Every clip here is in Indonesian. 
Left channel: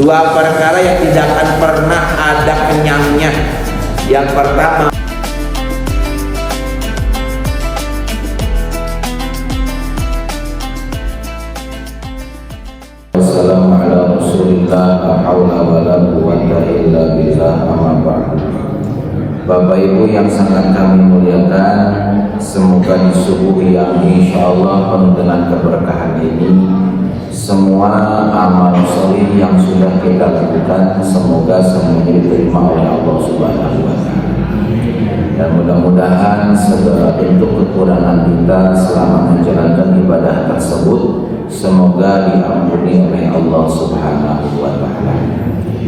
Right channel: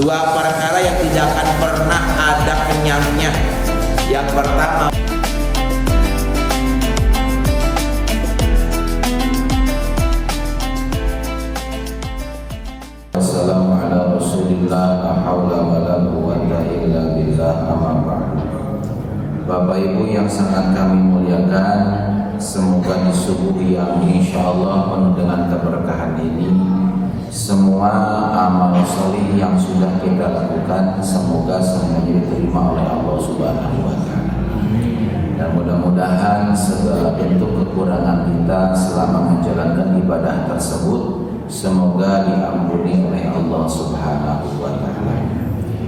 Dua perkara yang tidak akan pernah ada kenyangnya. Yang pertama, Wassalamualaikum Rasulillah la haula wala quwwata illa billah amma ba'd. Bapak Ibu yang sangat kami muliakan, semoga di subuh yang insyaallah penuh dengan keberkahan ini, semua amal soleh yang sudah kita lakukan semoga semuanya diterima oleh Allah Subhanahu wa Ta'ala. Dan mudah-mudahan segala bentuk kekurangan kita selama menjalankan ibadah tersebut semoga diampuni oleh Allah Subhanahu wa Ta'ala.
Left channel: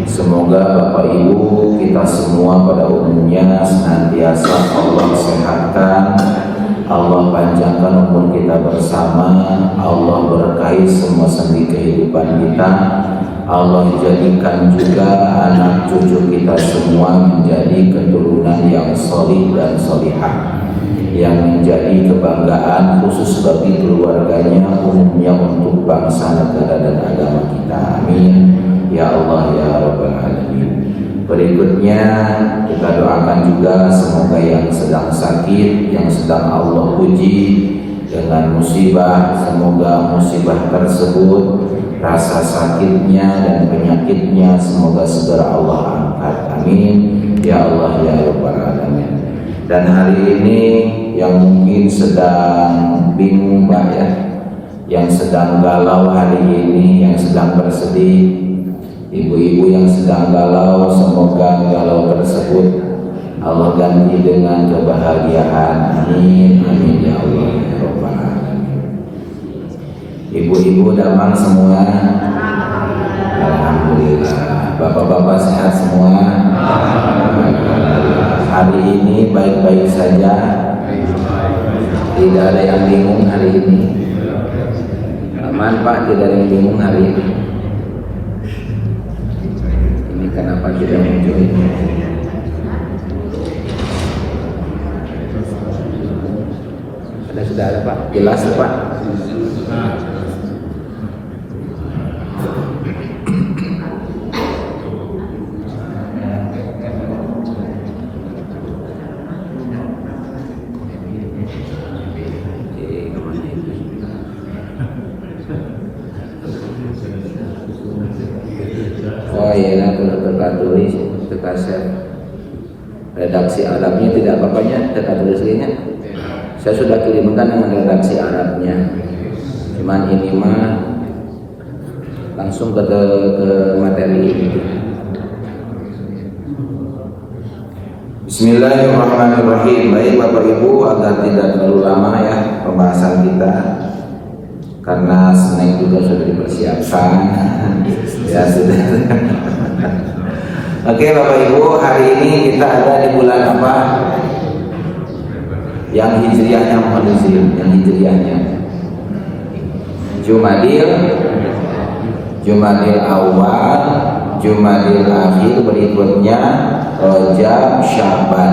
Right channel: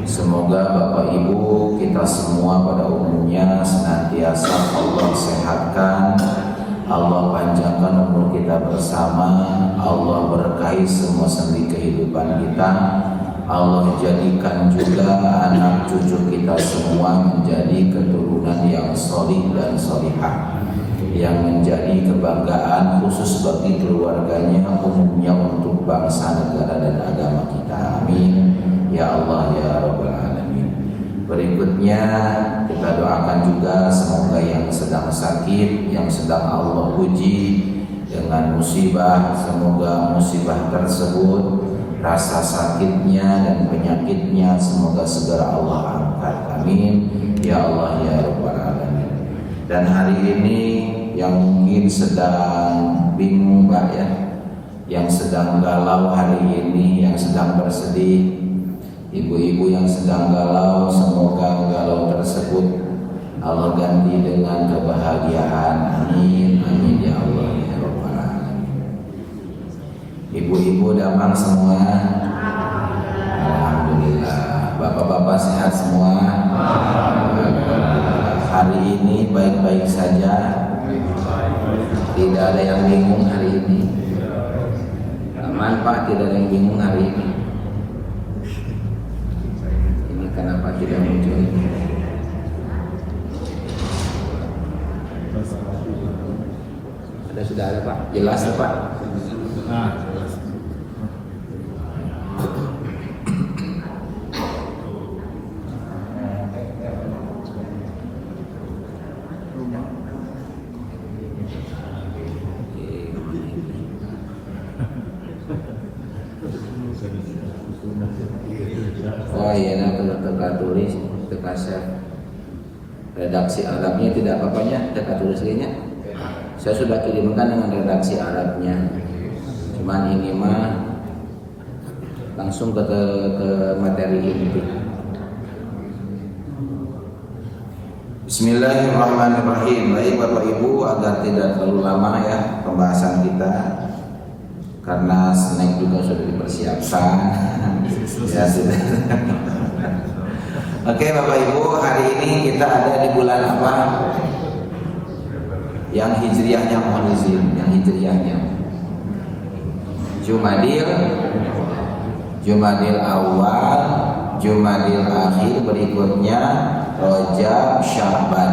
Semoga Bapak Ibu kita semua pada umumnya senantiasa Allah sehatkan, Allah panjangkan umur kita bersama, Allah berkahi semua sendi kehidupan kita, Allah jadikan juga anak cucu kita semua menjadi keturunan yang solih dan solihah, yang menjadi kebanggaan khusus bagi keluarganya, umumnya untuk bangsa, negara dan agama kita. Amin ya Allah ya Rabbal Alamin. Berikutnya kita doakan juga semoga yang sedang sakit, yang sedang Allah uji dengan musibah, semoga musibah tersebut, rasa sakitnya dan penyakitnya semoga segera Allah angkat. Amin ya Allah ya Rabbal Alamin. Dan hari ini yang mungkin sedang bingung Mbak ya, yang sedang galau hari ini, yang sedang bersedih, ibu-ibu yang sedang galau, semoga galau tersebut Allah ganti dengan kebahagiaan. Amin amin ya Allah ya Rabbal Alamin. Ibu-ibu damang semua, alhamdulillah. Bapak-bapak sehat semua, hari ini baik-baik saja, tidak ada yang bingung hari ini. Aman Pak, tidak ada yang bingung hari ini. Ini kenapa tidak muncul ini? Sudah ada Pak, jelas Pak. Oh iya, nah teka tulis, teka set redaksi Arabnya tidak apa-apanya, teka tulisnya saya sudah kirimkan dengan redaksi Arabnya. Cuman ini mah langsung ke materi ini. Bismillahirrahmanirrahim. Baik Bapak Ibu, agar tidak terlalu lama ya pembahasan kita, karena snack juga sudah dipersiapkan. Ya sudah. Oke Bapak Ibu, hari ini kita ada di bulan apa? Yang hijriahnya, mohon izin, yang hijriahnya Jumadil Awal, Jumadil Akhir, berikutnya Rajab, Syaban.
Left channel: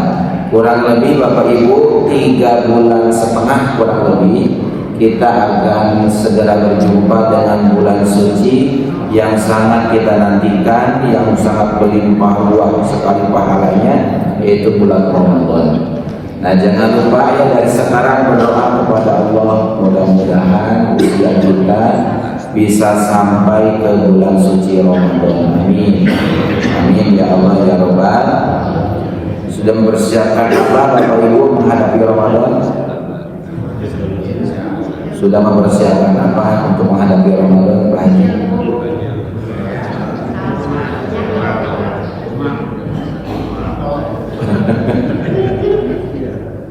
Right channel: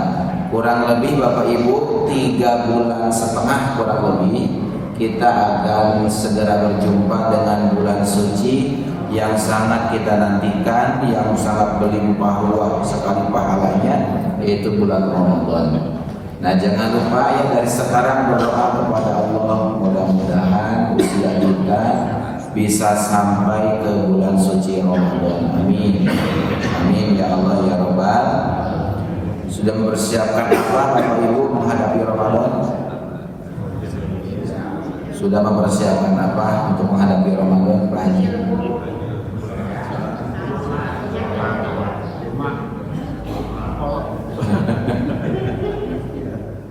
Kurang lebih Bapak Ibu 3 bulan setengah kurang lebih kita akan segera berjumpa dengan bulan suci yang sangat kita nantikan, yang sangat berlimpah ruah sekali pahalanya, yaitu bulan Ramadan. Nah jangan lupa ya dari sekarang berdoa kepada Allah, mudah-mudahan usia kita bisa sampai ke bulan suci Ramadan. Amin amin ya Allah ya Rabbal. Sudah mempersiapkan apa Bapak Ibu menghadapi Ramadan? Sudah mempersiapkan apa untuk menghadapi Ramadan Pak Haji?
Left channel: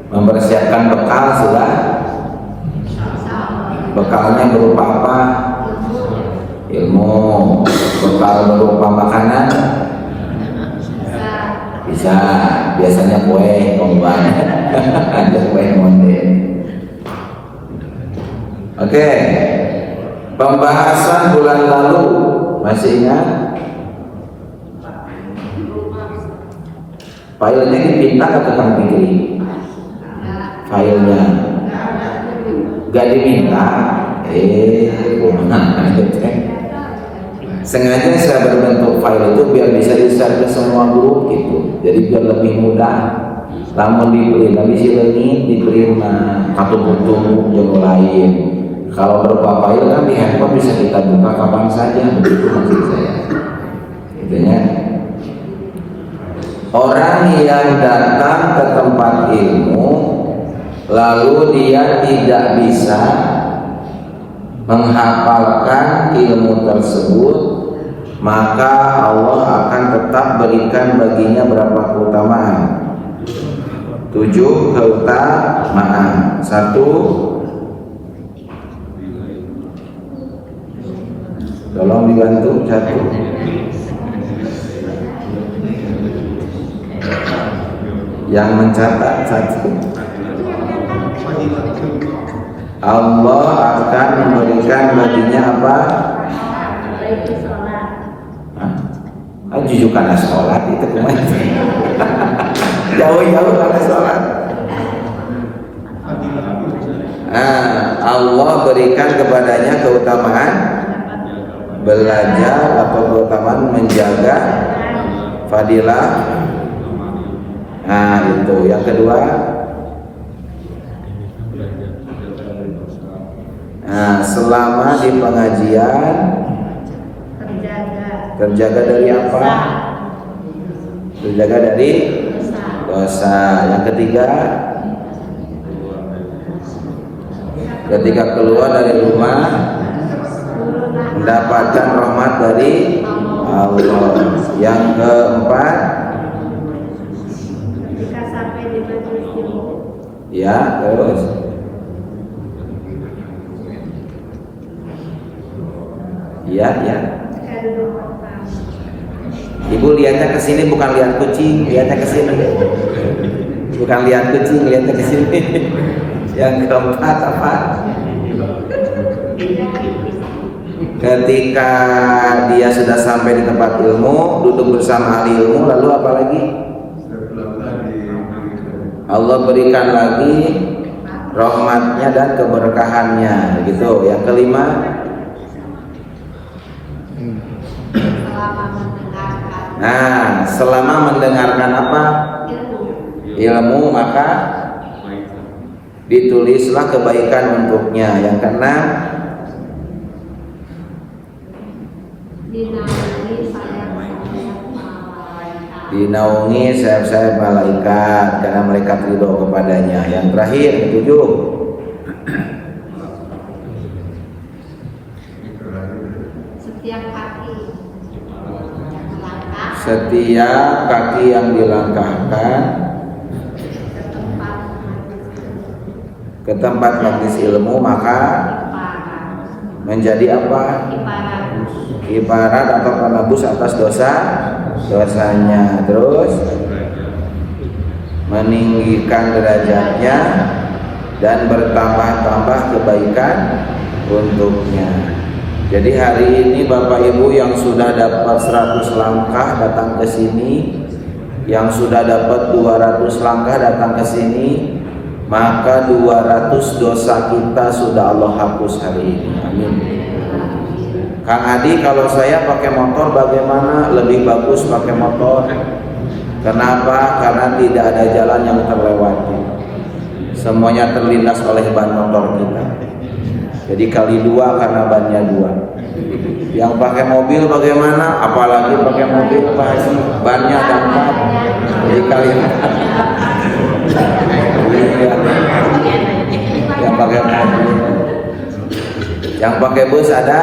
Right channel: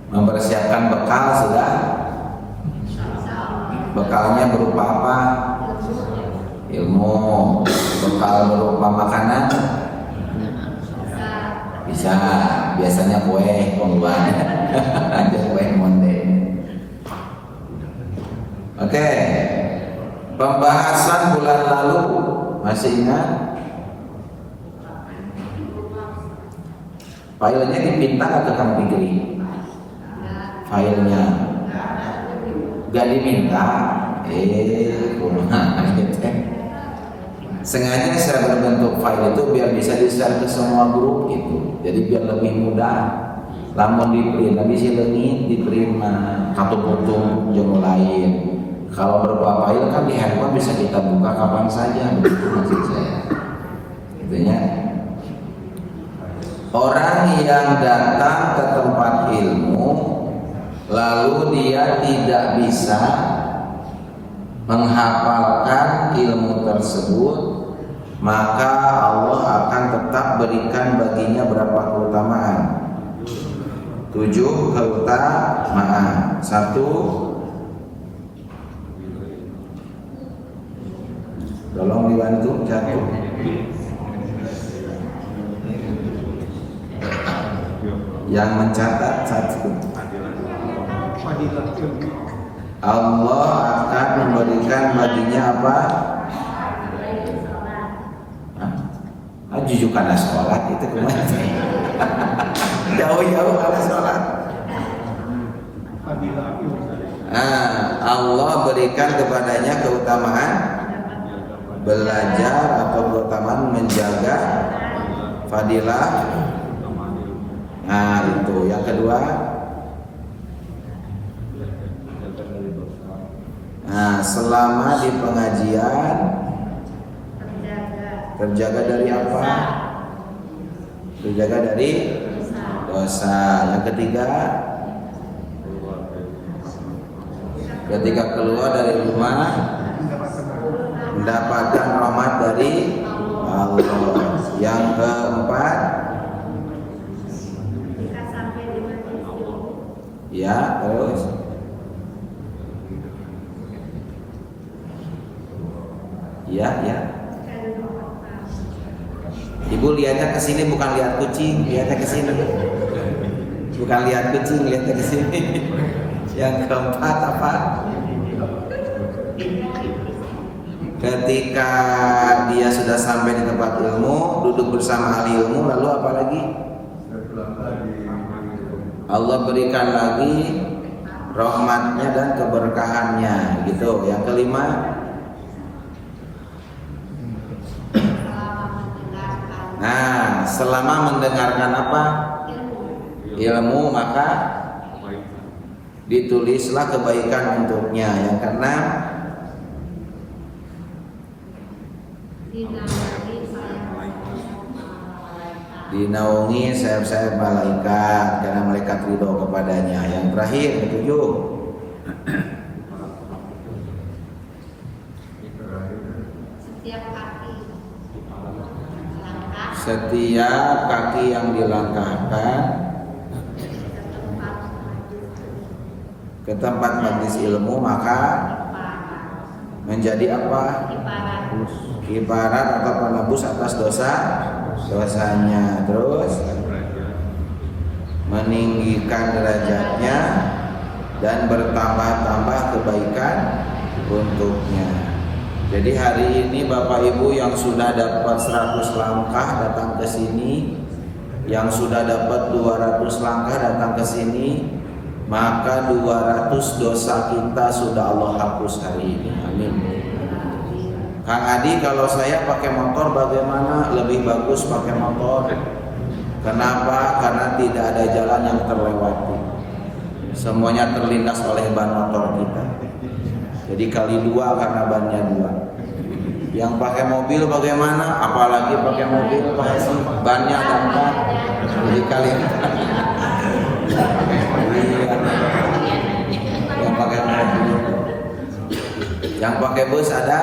Mempersiapkan bekal sudah? Bekalnya berupa apa? Ilmu. Bekal berupa makanan? Bisa. Biasanya kue pembuahan. Ada kue monde. Oke. Pembahasan bulan lalu masih ingat? Filenya dipinta ke tukang pikir. Filenya gak diminta, sengaja saya berbentuk file itu biar bisa di-share ke semua grup gitu. Jadi biar lebih mudah. Lamun di print, tapi si leungit di print mah katumpuk-tumpuk jeung lain. Kalau berupa file kan di handphone bisa kita buka kapan saja, begitu maksud saya. Intinya orang yang datang ke tempat ilmu lalu dia tidak bisa menghafalkan ilmu tersebut, maka Allah akan tetap berikan baginya berapa keutamaan? 7 keutamaan. 1, tolong dibantu. 1, yang mencatat. 1, Allah akan memberikan baginya apa? Jujur karena sholat itu kemana? Jauh-jauh karena sholat. Allah berikan kepadanya keutamaan belajar atau keutamaan menjaga fadilah. Nah itu. Yang kedua, selama di pengajian terjaga dari apa? Terjaga dari dosa. Yang ketiga, ketika keluar dari rumah mendapatkan rahmat dari Allah. Yang keempat, ya terus ya. Ibu lihatnya ke sini bukan lihat kucing, lihatnya ke sini. Bukan lihat kucing, lihatnya ke sini. Yang keempat apa? Ketika dia sudah sampai di tempat ilmu, duduk bersama ahli ilmu, lalu apa lagi? Allah berikan lagi rahmatnya dan keberkahannya, gitu. Yang kelima, selama mendengarkan apa? Ilmu, maka ditulislah kebaikan untuknya. Yang keenam, dinaungi sayap-sayap malaikat karena malaikat ridho kepadanya. Yang terakhir, ketujuh, setiap kaki yang dilangkahkan ke tempat majelis ilmu maka menjadi apa? Ibarat atau penebus atas dosanya. Terus meninggikan derajatnya dan bertambah-tambah kebaikan untuknya. Jadi hari ini Bapak Ibu yang sudah dapat 100 langkah datang ke sini, yang sudah dapat 200 langkah datang ke sini, maka 200 dosa kita sudah Allah hapus hari ini. Amin. Kang Adi, kalau saya pakai motor bagaimana? Lebih bagus pakai motor. Kenapa? Karena tidak ada jalan yang terlewati. Semuanya terlindas oleh ban motor kita. Jadi kali 2 karena bannya 2. Yang pakai mobil bagaimana? Apalagi pakai mobil Pak Haji, bannya ada 4. Jadi kali 4. Yang pakai mobil. Yang pakai bus ada?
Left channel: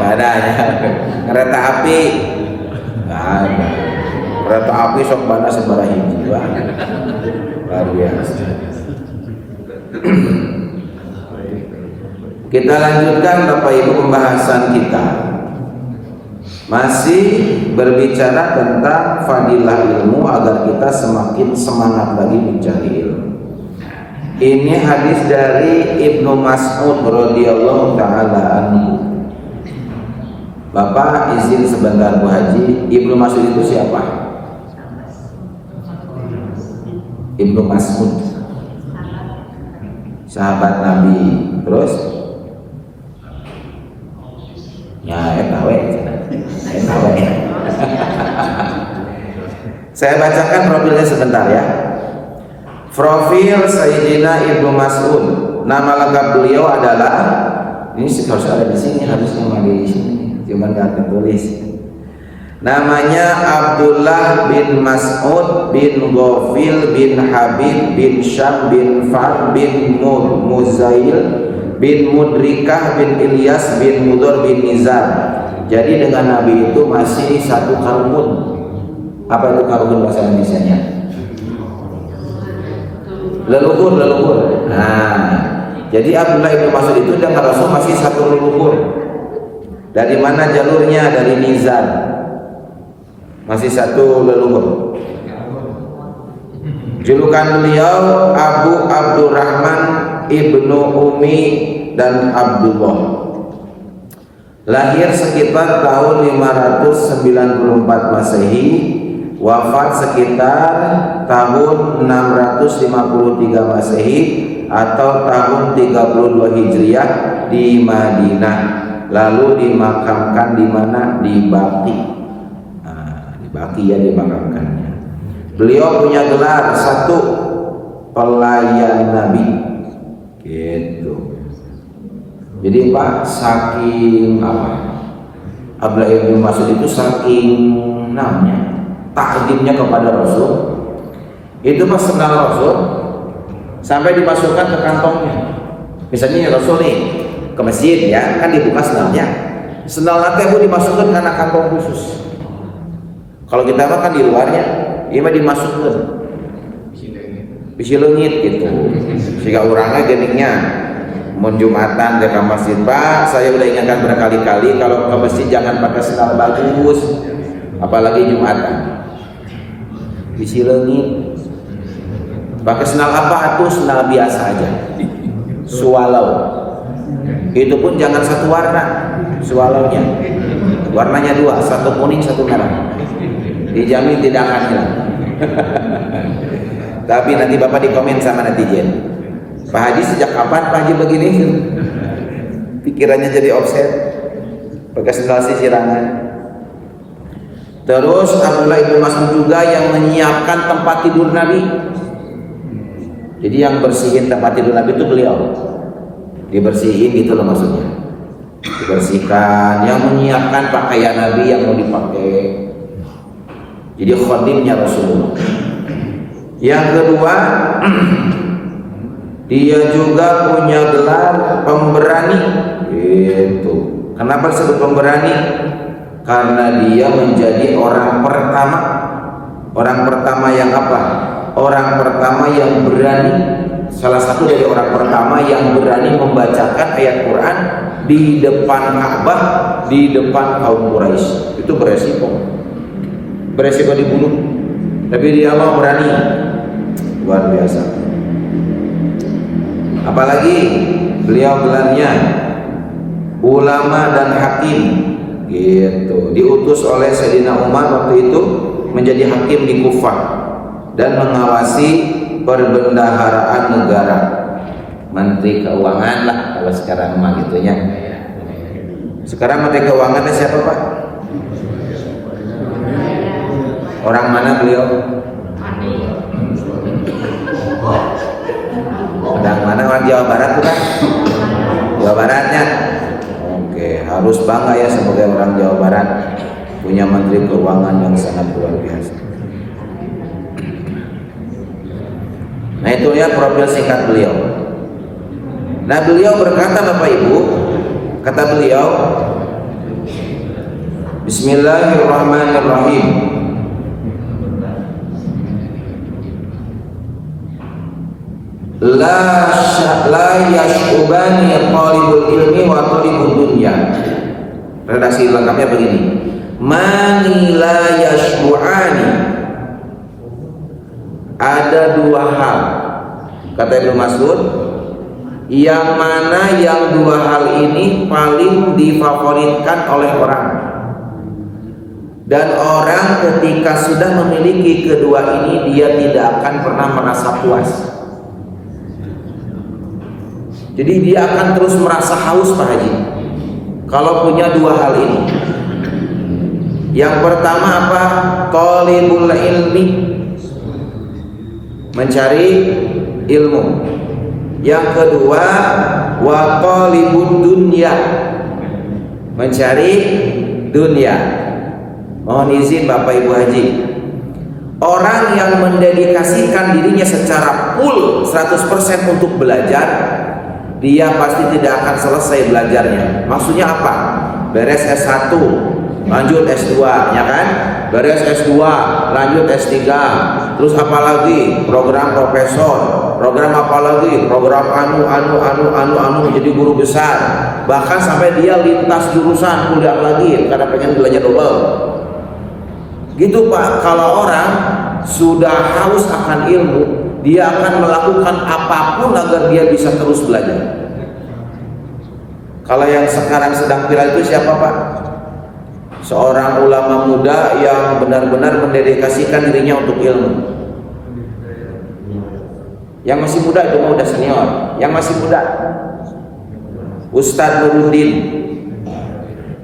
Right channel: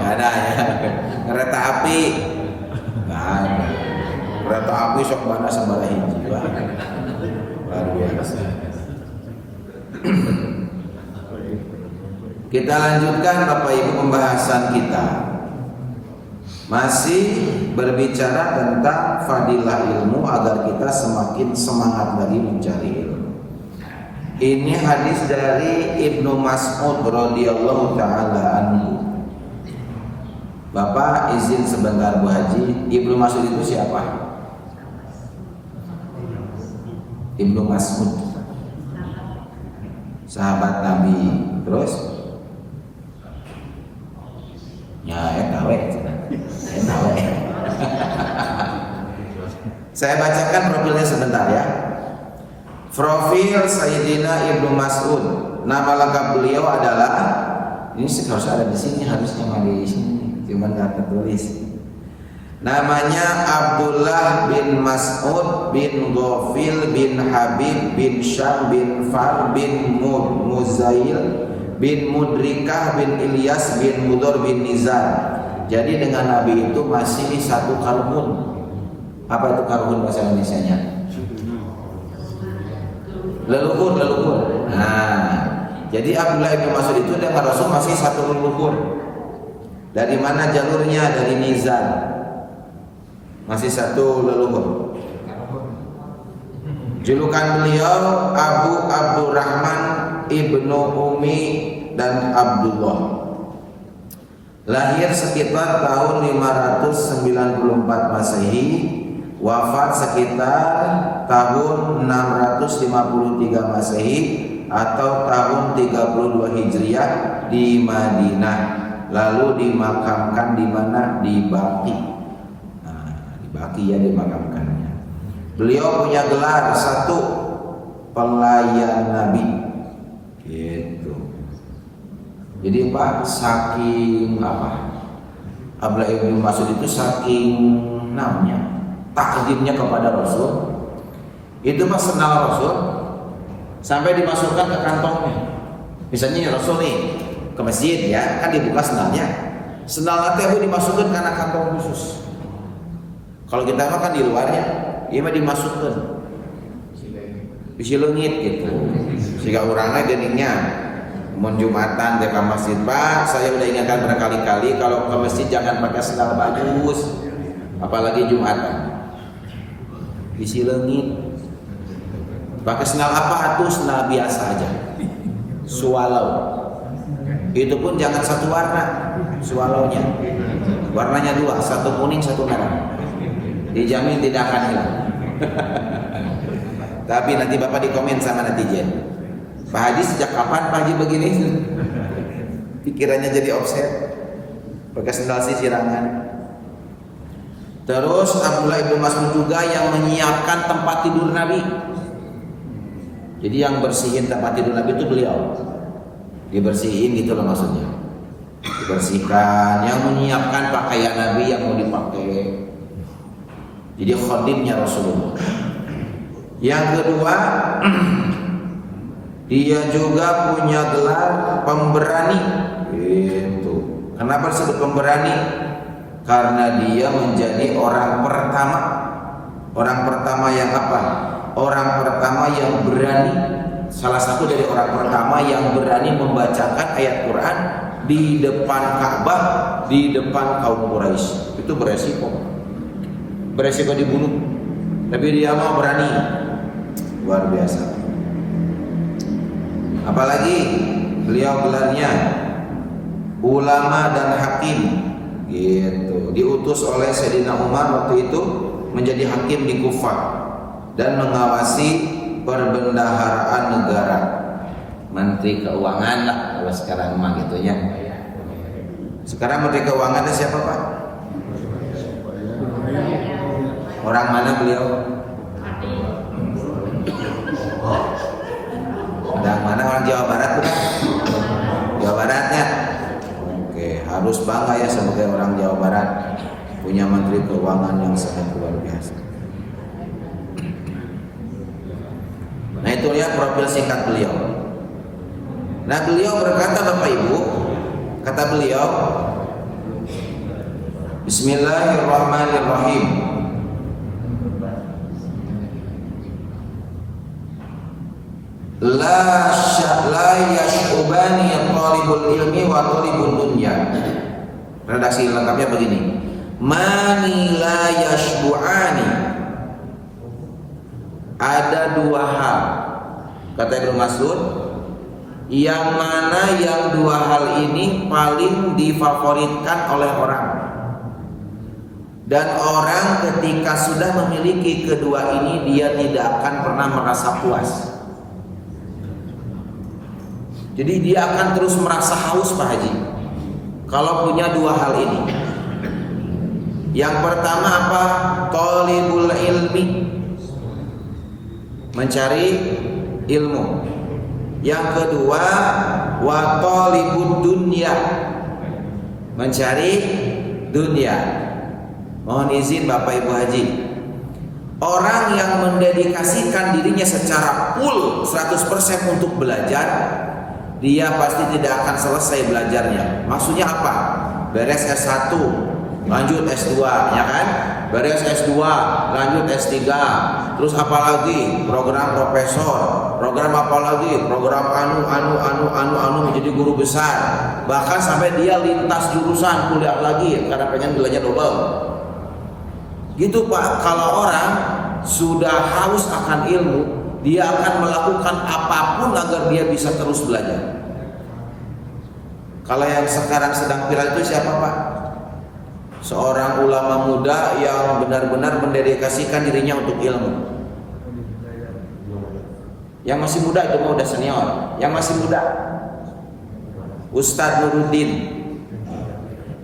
Nggak ada ya. Kereta api nggak ada. Kereta api sok bana sebarah hiji. Wah, luar biasa. Kita lanjutkan Bapak Ibu pembahasan kita. Masih berbicara tentang fadilah ilmu agar kita semakin semangat lagi mencari ilmu. Ini hadis dari Ibnu Mas'ud radhiyallahu taala anhu. Bapak izin sebentar Bu Haji, Ibnu Mas'ud itu siapa? Ibnu Mas'ud, sahabat Nabi. Terus ya Saya bacakan profilnya sebentar ya. Profil Sayyidina Ibnu Mas'ud. Nama lengkap beliau adalah, ini harusnya ada di sini, harusnya di sini, cuma nggak tertulis. Namanya Abdullah bin Mas'ud bin Ghafil bin Habib bin Syam bin Far bin Muzail bin Mudrikah bin Ilyas bin Mudor bin Nizar. Jadi dengan Nabi itu masih satu karun. Apa itu karun bahasa Indonesianya? Leluhur. Nah, jadi Abdullah bin Mas'ud itu dengan Rasul masih satu leluhur. Dari mana jalurnya? Dari Nizar. Masih satu leluhur. Julukan beliau Abu Abdurrahman Ibnu Umi dan Abdullah. Lahir sekitar tahun 594 Masehi, wafat sekitar tahun 653 Masehi atau tahun 32 Hijriah di Madinah. Lalu dimakamkan di mana? Di Baqi. Nah, di Baqi ya dimakamkannya. Beliau punya gelar satu, pelayan Nabi. Gitu. Jadi Pak, saking apa? Abdullah bin Mas'ud itu saking namanya takdimnya kepada Rasul. Itu pas kenal Rasul sampai dimasukkan ke kantongnya. Misalnya Rasul nih ke masjid ya, kan dibuka sendalnya. Sendal nanti Bu dimasukkan karena kantong khusus. Kalau kita mah kan di luarnya, ini mah dimasukkan. Bisi leungit gitu. Sehingga orangnya geningnya mau Jumatan ke masjid, Pak, saya udah ingatkan berkali-kali kalau ke masjid jangan pakai sendal bagus, apalagi Jumatan. Bisi leungit. Pakai sendal apa? Atuh sendal biasa aja. Swallow. Itu pun jangan satu warna. Swallownya. Warnanya dua, satu kuning, satu merah. Dijamin tidak akan hilang. Tapi nanti Bapak dikomen sama netizen. Pak Haji sejak kapan Pak Haji begini? Pikirannya jadi offset. Pakai sendal sisirangan. Terus Abdullah bin Mas'ud juga yang menyiapkan tempat tidur Nabi. Jadi yang bersihin tempat tidur Nabi itu beliau. Dibersihin gitu loh maksudnya. Dibersihkan, yang menyiapkan pakaian Nabi yang mau dipakai. Jadi khadimnya Rasulullah. Yang kedua, dia juga punya gelar pemberani. Gitu. Kenapa disebut pemberani? Karena dia menjadi orang pertama. Orang pertama yang apa? Orang pertama yang berani. Salah satu dari orang pertama yang berani membacakan ayat Quran di depan Ka'bah, di depan kaum Quraisy. Itu beresiko. Beresiko dibunuh. Tapi dia mau berani. Luar biasa. Apalagi beliau gelarnya ulama dan hakim gitu. Diutus oleh Sayyidina Umar waktu itu menjadi hakim di Kufah dan mengawasi perbendaharaan negara. Menteri Keuangan lah kalau sekarang mah gitunya. Sekarang Menteri Keuangan siapa Pak? Orang mana beliau? Orang mana? Orang Jawa Barat bukan? Jawa Baratnya. Oke, harus bangga ya sebagai orang Jawa Barat punya Menteri Keuangan yang sangat luar biasa. Nah itu ya profil singkat beliau. Nah beliau berkata Bapak Ibu, kata beliau, Bismillahirrahmanirrahim. La yash'ubani talibul ilmi wa talibul dunya. Redaksi lengkapnya begini. Mani la yash'uani. Ada dua hal, kata Ibnu Mas'ud, yang mana yang dua hal ini paling difavoritkan oleh orang. Dan orang ketika sudah memiliki kedua ini, dia tidak akan pernah merasa puas. Jadi dia akan terus merasa haus Pak Haji kalau punya dua hal ini. Yang pertama apa? Talibul ilmi, mencari ilmu. Yang kedua, wa talibud dunya, mencari dunia. Mohon izin Bapak Ibu Haji, orang yang mendedikasikan dirinya secara full 100% untuk belajar, dia pasti tidak akan selesai belajarnya. Maksudnya apa? Beres S1, lanjut S2, ya kan? Beres S2, lanjut S3, terus apa lagi? Program profesor, program apa lagi? Program anu menjadi guru besar. Bahkan sampai dia lintas jurusan kuliah lagi karena pengen nilainya double. Gitu Pak, kalau orang sudah haus akan ilmu, dia akan melakukan apapun agar dia bisa terus belajar. Kalau yang sekarang sedang viral itu siapa Pak? Seorang ulama muda yang benar-benar mendedikasikan dirinya untuk ilmu. Yang masih muda itu mah udah senior. Yang masih muda, Ustadz Nuruddin,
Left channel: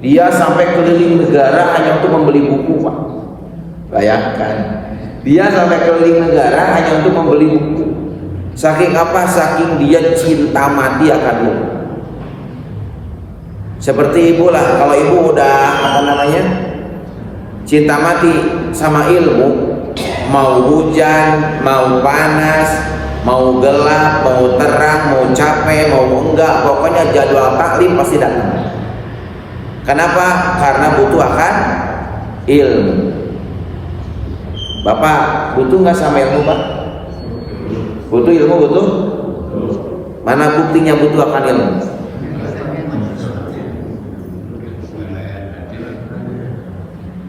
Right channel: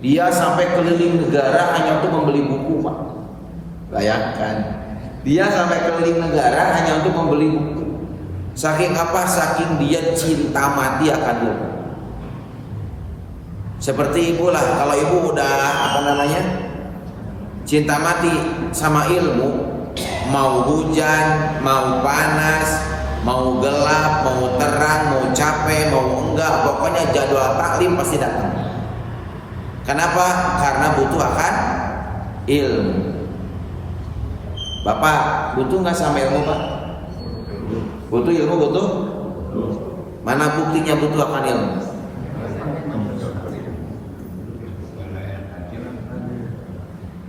dia sampai keliling negara hanya untuk membeli buku Pak. Bayangkan, dia sampai keliling negara hanya untuk membeli buku. Saking apa? Saking dia cinta mati akan ilmu. Seperti ibu lah, kalau ibu udah cinta mati sama ilmu, mau hujan, mau panas, mau gelap, mau terang, mau capek, mau enggak, pokoknya jadwal taklim pasti datang. Kenapa? Karena butuh akan ilmu. Bapak butuh nggak sama ilmu Pak? Butuh ilmu, butuh. Mana buktinya butuh akan ilmu?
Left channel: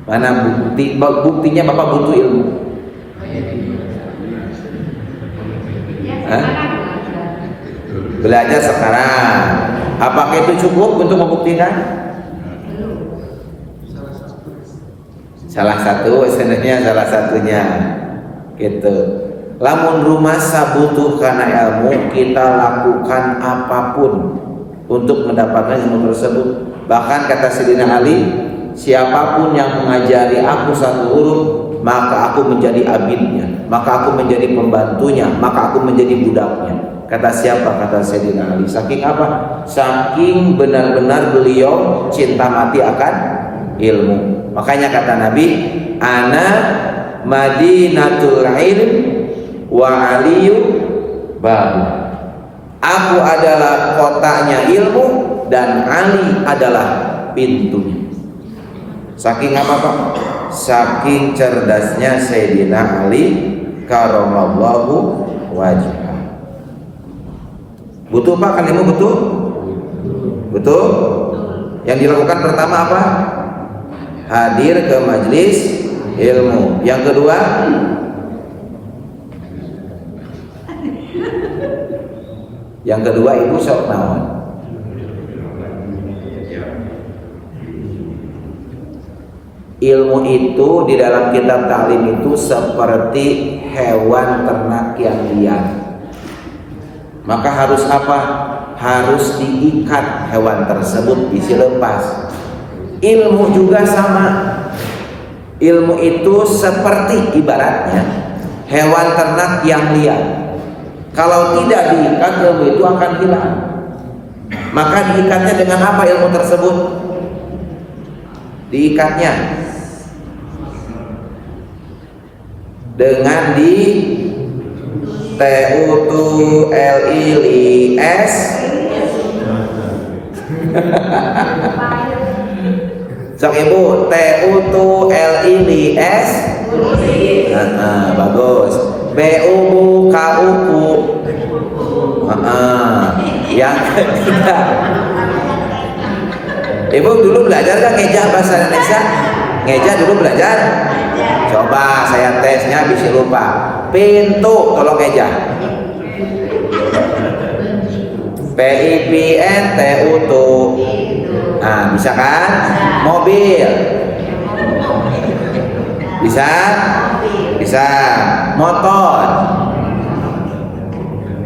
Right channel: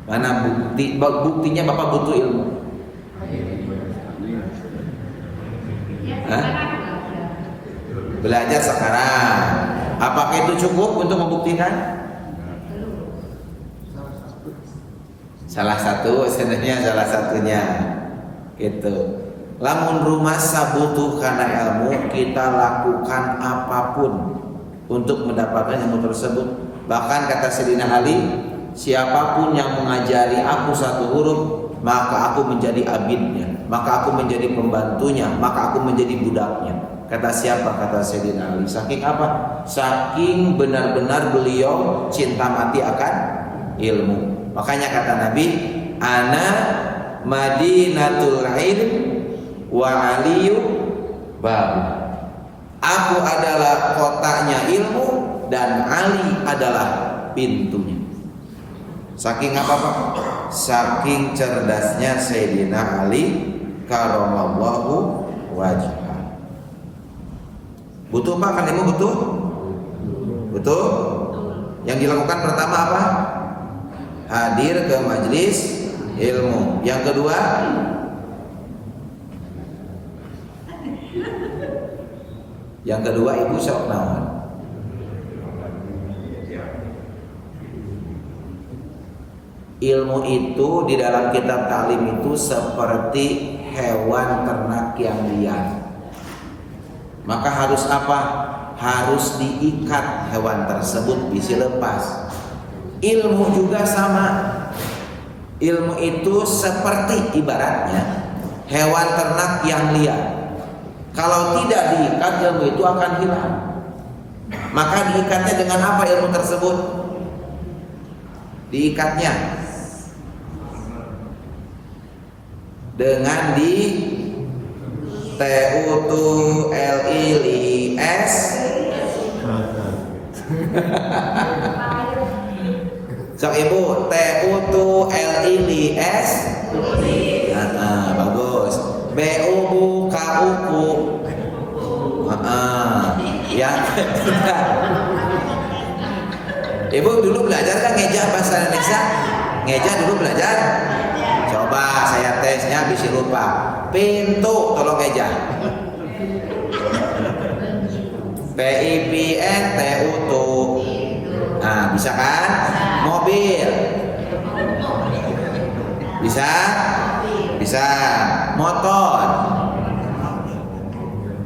Mana buktinya Bapak butuh ilmu? Hah? Belajar sekarang. Apakah itu cukup untuk membuktikan? Salah satu, sebenarnya salah satunya gitu. Lamun rumasa butuh karena ilmu, kita lakukan apapun untuk mendapatkan ilmu tersebut. Bahkan kata Sayyidina Ali, siapapun yang mengajari aku satu huruf, maka aku menjadi abidnya, maka aku menjadi pembantunya, maka aku menjadi budaknya. Kata siapa? Kata Sayyidina Ali. Saking apa? Saking benar-benar beliau cinta mati akan ilmu. Makanya kata Nabi, ana madinatul ilm wa aliyu babu. Aku adalah kotanya ilmu dan Ali adalah pintunya. Saking apa Pak? Saking cerdasnya Sayyidina Ali karamallahu wajhah. Butuh Pak kan ilmu? Butuh? Butuh? Yang dilakukan pertama apa? Hadir ke majelis ilmu. Yang kedua, ibu sok naon? Ilmu itu di dalam kitab taklim itu seperti hewan ternak yang liar. Maka harus apa? Harus diikat hewan tersebut, dilepas. Ilmu juga sama. Ilmu itu seperti ibaratnya hewan ternak yang liar. Kalau tidak diikat, ilmu itu akan hilang. Maka diikatnya dengan apa ilmu tersebut? Diikatnya dengan di TUTLIS sok ibu TUTLIS bagus. BUBU KUKU yang ketiga. Ibu dulu belajar kan ngejah bahasa Indonesia? Ngejah dulu belajar? Coba saya tesnya bisa lupa. Pintu tolong ngejah. PIPN TUTU. Nah, bisa kan? Mobil. Bisa? Bisa. Motor.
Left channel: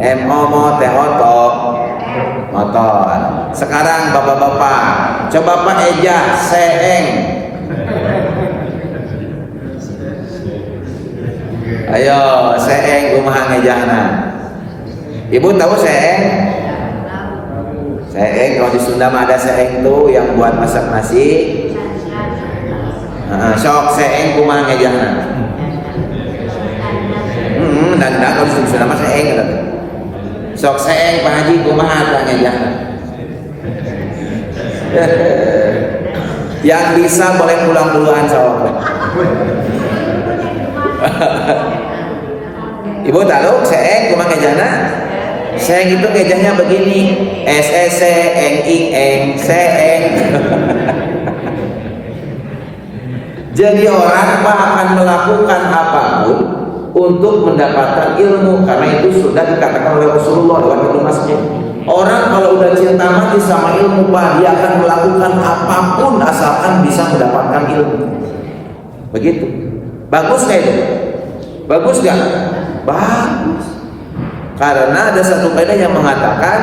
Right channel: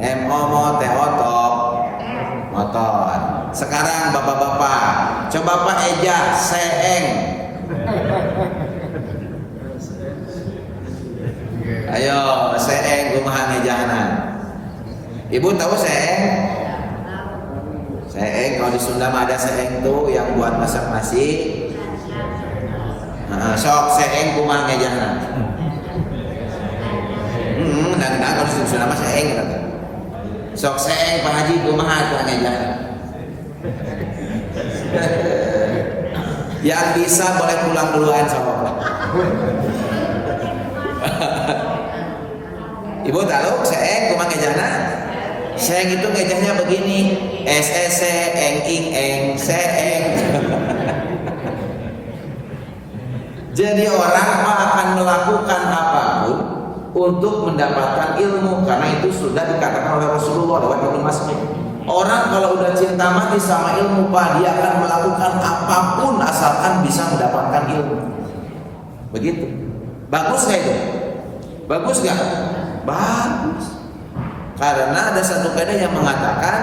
MO motor. Sekarang bapak-bapak, coba Pak ejah seeng. Ayo, seeng kumaha ngejahna. Ibu tahu seeng? Seeng kalau di Sunda mah ada seeng tuh yang buat masak nasi. Sok seeng kumaha ngejahna. Dan kalau di Sunda mah seeng kan. Sok seeng Pak Haji kumaha teh ngejahna. Yang bisa boleh pulang duluan sok. Ibu tahu seeng kumaha ngejahna? Seeng itu ngejahnya begini, eng ing eng seeng. Jadi orang mah akan melakukan apapun untuk mendapatkan ilmu, karena itu sudah dikatakan oleh Rasulullah lewat Ibnu Mas'ud. Orang kalau udah cinta mati sama ilmu, Pak, dia akan melakukan apapun asalkan bisa mendapatkan ilmu. Begitu. Bagus nggak itu? Bagus nggak? Bagus. Karena ada satu kaidah yang mengatakan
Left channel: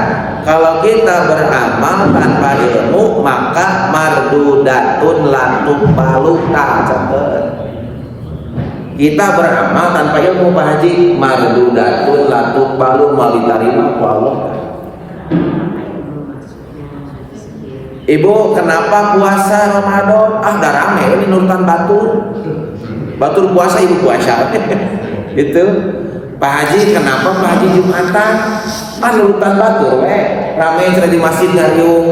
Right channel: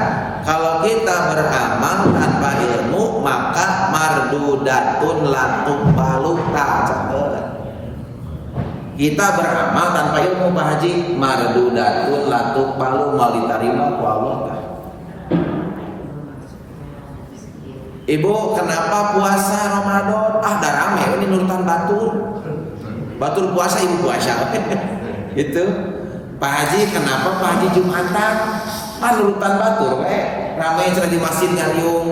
kalau kita beramal tanpa ilmu maka mardudatun lantuk baluta. Kita beramal tanpa ilmu Pak Haji, mardudatun lantuk balu mau diterima ku Allah. Ibu kenapa puasa Ramadan? Dah rame ini nurutan batur puasa ibu puasa. Gitu. Pak Haji kenapa Pak Haji Jumatan? Nurutan batur rame cenah di masjid ngariung.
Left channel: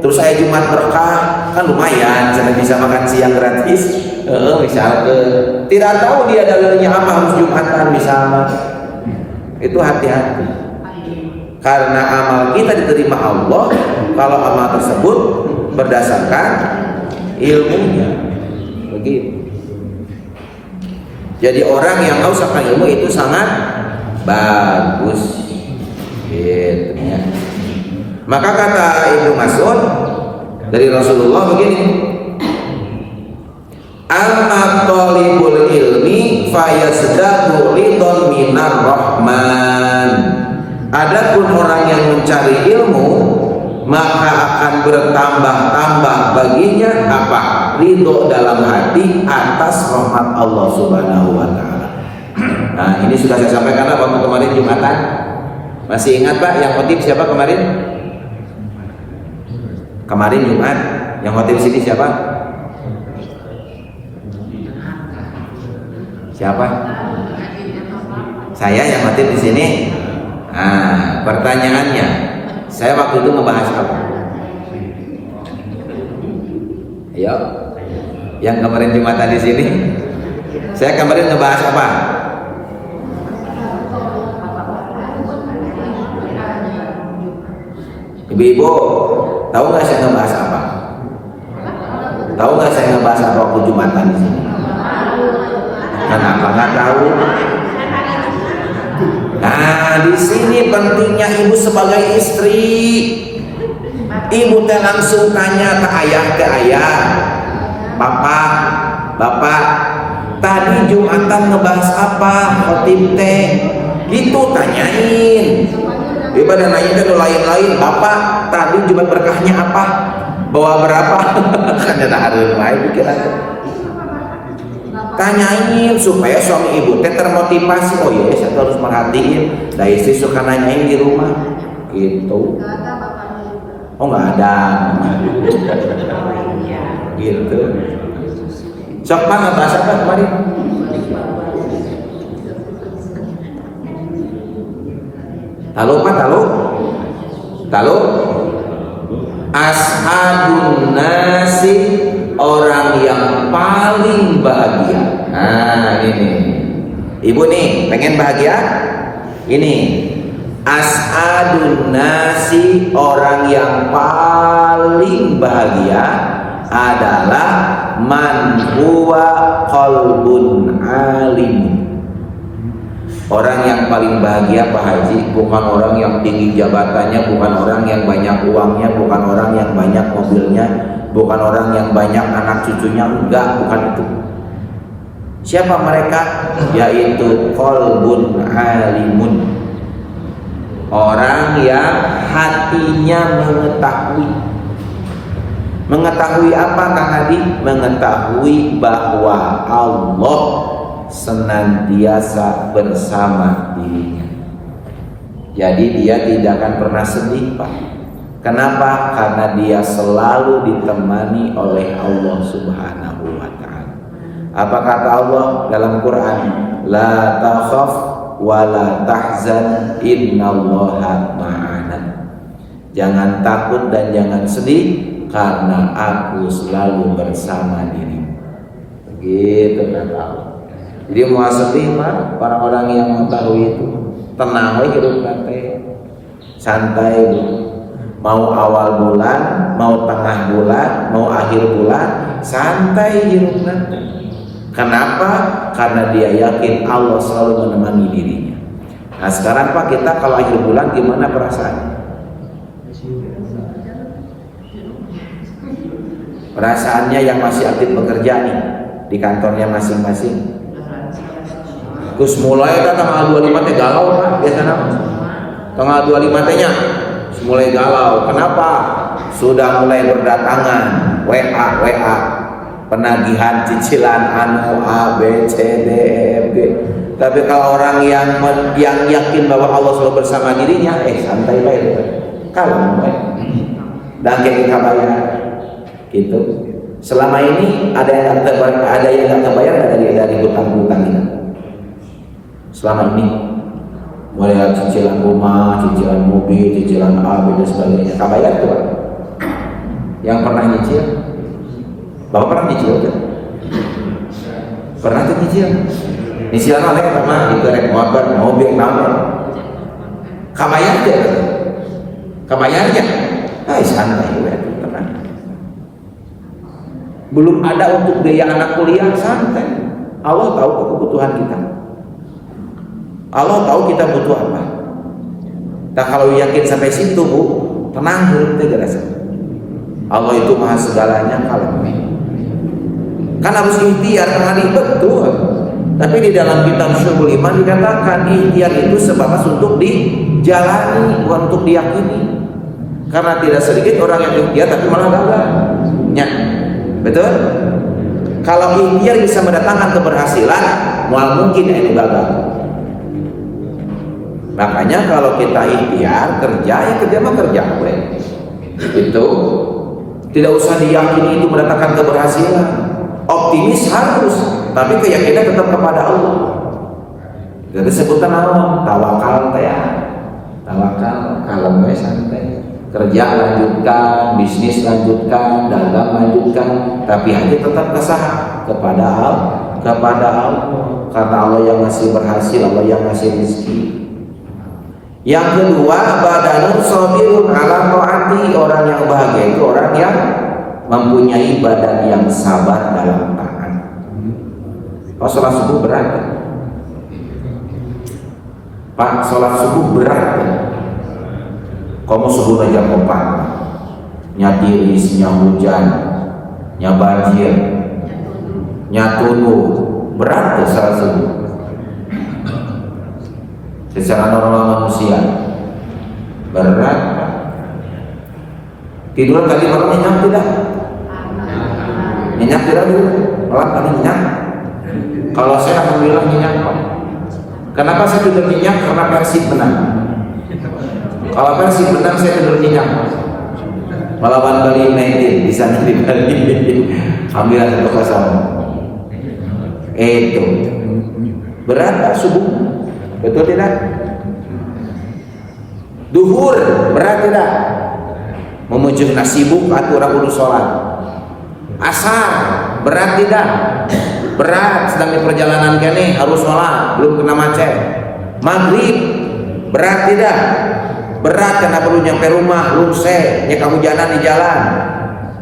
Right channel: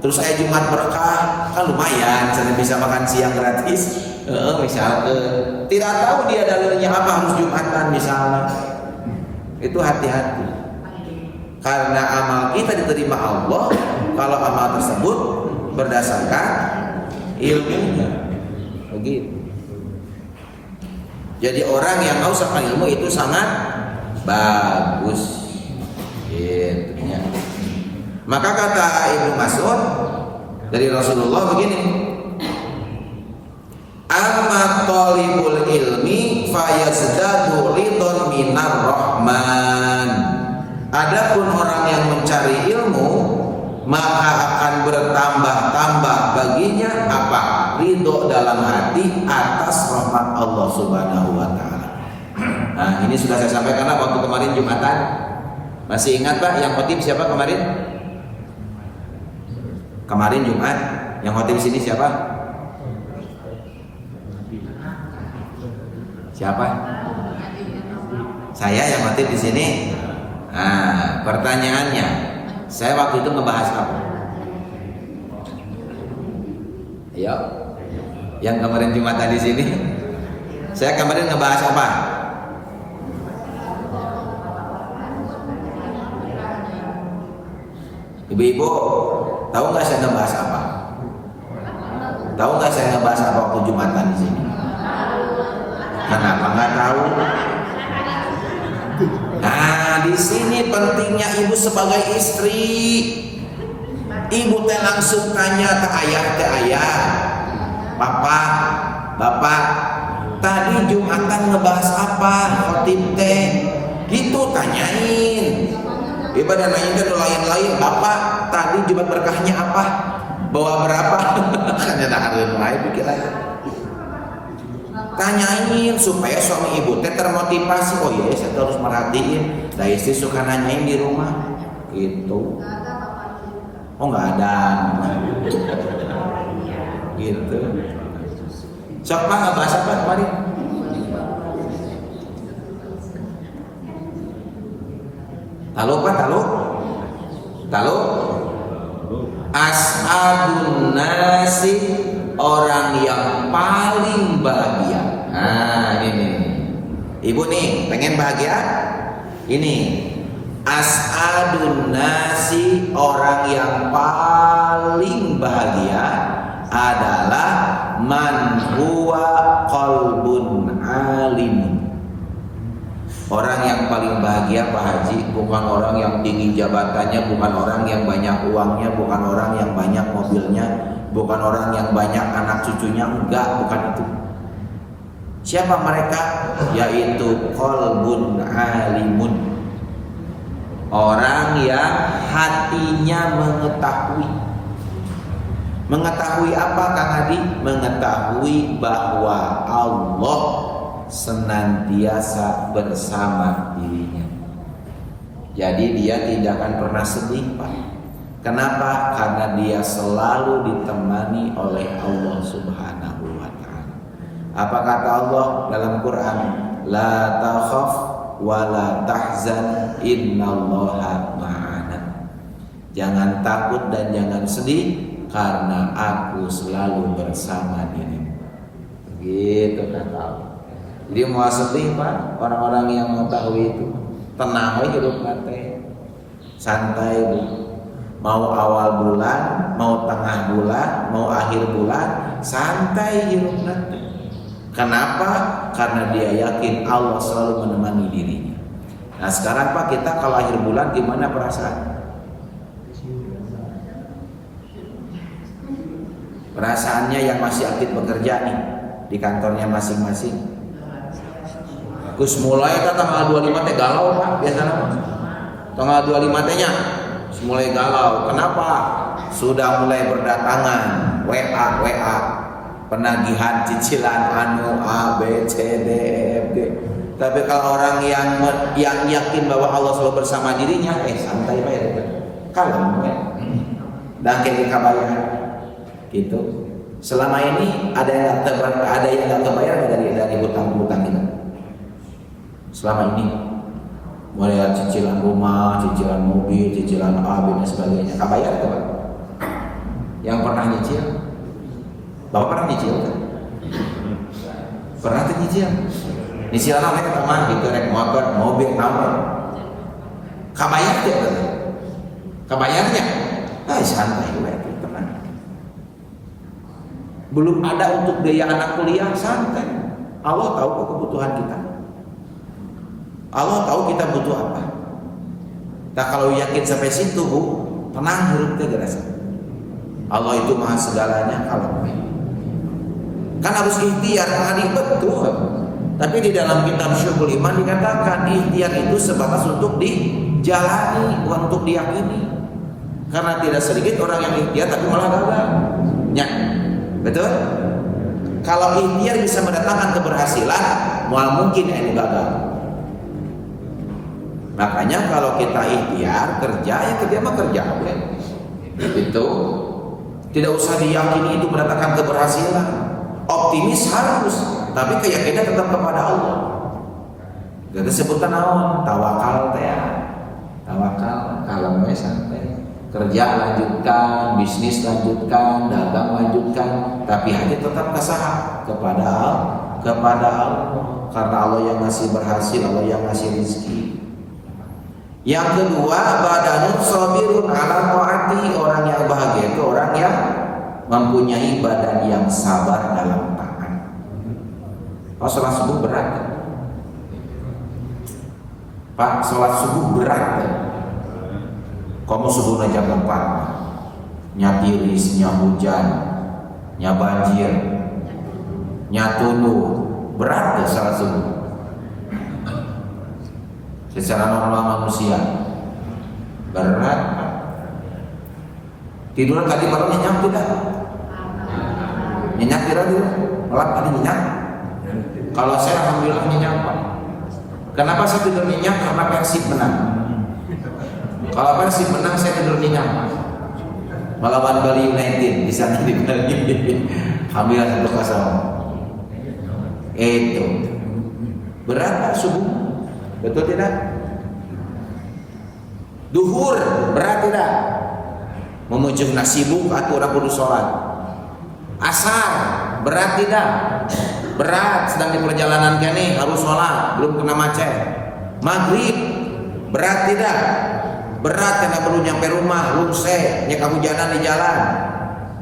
Terus saya Jumat berkah, kan lumayan cenah bisa makan siang gratis. Misalkan tidak tahu dia dalilnya apa harus Jumatan misalnya. Itu hati-hati. Karena amal kita diterima Allah kalau amal tersebut berdasarkan ilmunya. Begitu. Jadi orang yang mengusahkan ilmu itu sangat bagus. Gitu ya. Maka kata Ibnu Mas'ud dari Rasulullah begini, amma talibul ilmi fayazdadu ridon minar rahman. Adapun orang yang mencari ilmu maka akan bertambah-tambah baginya apa? Ridho dalam hati atas rahmat Allah Subhanahu wa taala. Nah, ini sudah saya sampaikan waktu kemarin Jumatan. Masih ingat Pak yang khotib siapa kemarin? Kemarin Jumat yang khotib sini siapa? Siapa? Saya yang khotib di sini. Nah, pertanyaannya, saya waktu itu ngebahas apa? Ayo, yang kemarin Jumatan di sini, saya kemarin ngebahas apa? Ibu-ibu, tahu nggak saya ngebahas apa? Tahu nggak saya ngebahas apa waktu Jumatan di sini? Kenapa nggak tahu? Nah, di sini pentingnya ibu sebagai istri. Ibu teh langsung tanya ke ayah, bapak, tadi Jumatan ngebahas apa? Khotib teh, gitu tanyain. Ibadah nanya kan lain-lain, bapak tadi Jumat berkahnya apa? Bawa berapa? Kan ada harus lain pikiran. Tanyain supaya suami ibu teh termotivasi. Oh iya, saya harus merhatiin. Dah istri suka nanyain di rumah, gitu. Oh nggak ada, gitu. Sok Pak ngebahas apa kemarin? Tahu? As'adun nasi, orang yang paling bahagia. Nah ini, ibu nih pengen bahagia? Ini as'adun nasi, orang yang paling bahagia adalah man huwa qalbun alim. Orang yang paling bahagia Pak Haji bukan orang yang tinggi jabatannya, bukan orang yang banyak uangnya, bukan orang yang banyak mobilnya, bukan orang yang banyak anak cucunya, enggak, bukan itu. Siapa mereka? Yaitu qalbun alimun. Orang yang hatinya mengetahui. Mengetahui apa Kang Hadi? Mengetahui bahwa Allah senantiasa bersama dirinya. Jadi dia tidak akan pernah sedih, Pak. Kenapa? Karena dia selalu ditemani oleh Allah Subhanahu wa ta'ala. Apa kata Allah dalam Quran? La takhaf wa la tahzan innallaha ma'ana. Jangan takut dan jangan sedih karena aku selalu bersama dirimu. Begitu kata Allah. Jadi mau sedih, Pak, orang-orang yang mengetahui itu tenang we hidup nanti, santai Bu. Mau awal bulan, mau tengah bulan, mau akhir bulan, santai hidup nanti. Kenapa? Karena dia yakin Allah selalu menemani dirinya. Nah sekarang Pak, kita kalau akhir bulan gimana perasaan? Perasaannya yang masih aktif bekerja nih di kantornya masing-masing. Gus mulai tanggal 25 teh galau Pak, biasanya tanggal 25 tehnya mulai galau. Kenapa? Sudah mulai berdatangan WA penagihan cicilan anu A B C D E F G. Tapi kalau orang yang yakin bahwa Allah selalu bersama dirinya, santai baik, kalem baik, dan kayak kabayar gitu. Selama ini ada yang nggak kebayar dari hutang-hutang kita. Selama ini mulai cicilan rumah, cicilan mobil, cicilan A, B dan sebagainya, kabayar tuh Pak. Yang pernah nyicil, Bapak pernah nyicil tuh? Pernah tuh nyicil? Nyicilan oleh teman gitu, rek motor, mobil, naon? Kabayar tuh? Kabayarnya? Santai gue tuh, tenang. Belum ada untuk biaya anak kuliah, santai. Allah tahu kok kebutuhan kita. Allah tahu kita butuh apa. Nah kalau yakin sampai situ Bu, tenang hidup teh gerasa. Allah itu maha segalanya, kalem. Kan harus ikhtiar, hari betul. Tapi di dalam kitab Syuhul Iman dikatakan ikhtiar itu sebatas untuk dijalani, bukan untuk diyakini. Karena tidak sedikit orang yang ikhtiar tapi malah gagal. Ya, betul? Kalau ikhtiar bisa mendatangkan keberhasilan, mual mungkin itu gagal. Makanya kalau kita ikhtiar kerja mah kerja gue. Itu tidak usah diyakini itu mendatangkan keberhasilan. Optimis harus, tapi keyakinan tetap kepada Allah. Jadi sebutan Allah tawakal teh. Tawakal, kalem we santai. Kerja lanjutkan, bisnis lanjutkan, dagang lanjutkan, tapi hati tetap kesaha kepada Allah. Karena Allah yang ngasih berhasil, Allah yang ngasih rezeki. Yang kedua, badanun sabirun ala taati. Orang yang bahagia itu orang yang mempunyai badan yang sabar dalam taat. Kalau sholat subuh berat Pak, sholat subuh berat. Kamu subuh jam 4, nya tiris, nya hujan, nya banjir, nya tunu, berat tuh sholat subuh. Secara normal manusia berat. Tidur tadi malam nyenyak tidak? Nyenyak tidak dulu? Malam tadi nyenyak? Kalau saya alhamdulillah nyenyak Pak. Kenapa saya tidur nyenyak? Karena Persib menang. Kalau Persib menang saya tidur nyenyak. Melawan Bali United di sana di Bali. Alhamdulillah 1-0. Itu berat Pak subuh. Betul tidak? Duhur berat tidak? Memujuk nasibuk atau orang kudu sholat. Asar berat tidak? Berat, sedang di perjalanan kene harus sholat, belum kena macet. Maghrib berat tidak? Berat karena perlu nyampe rumah, lunse, nya kehujanan di jalan,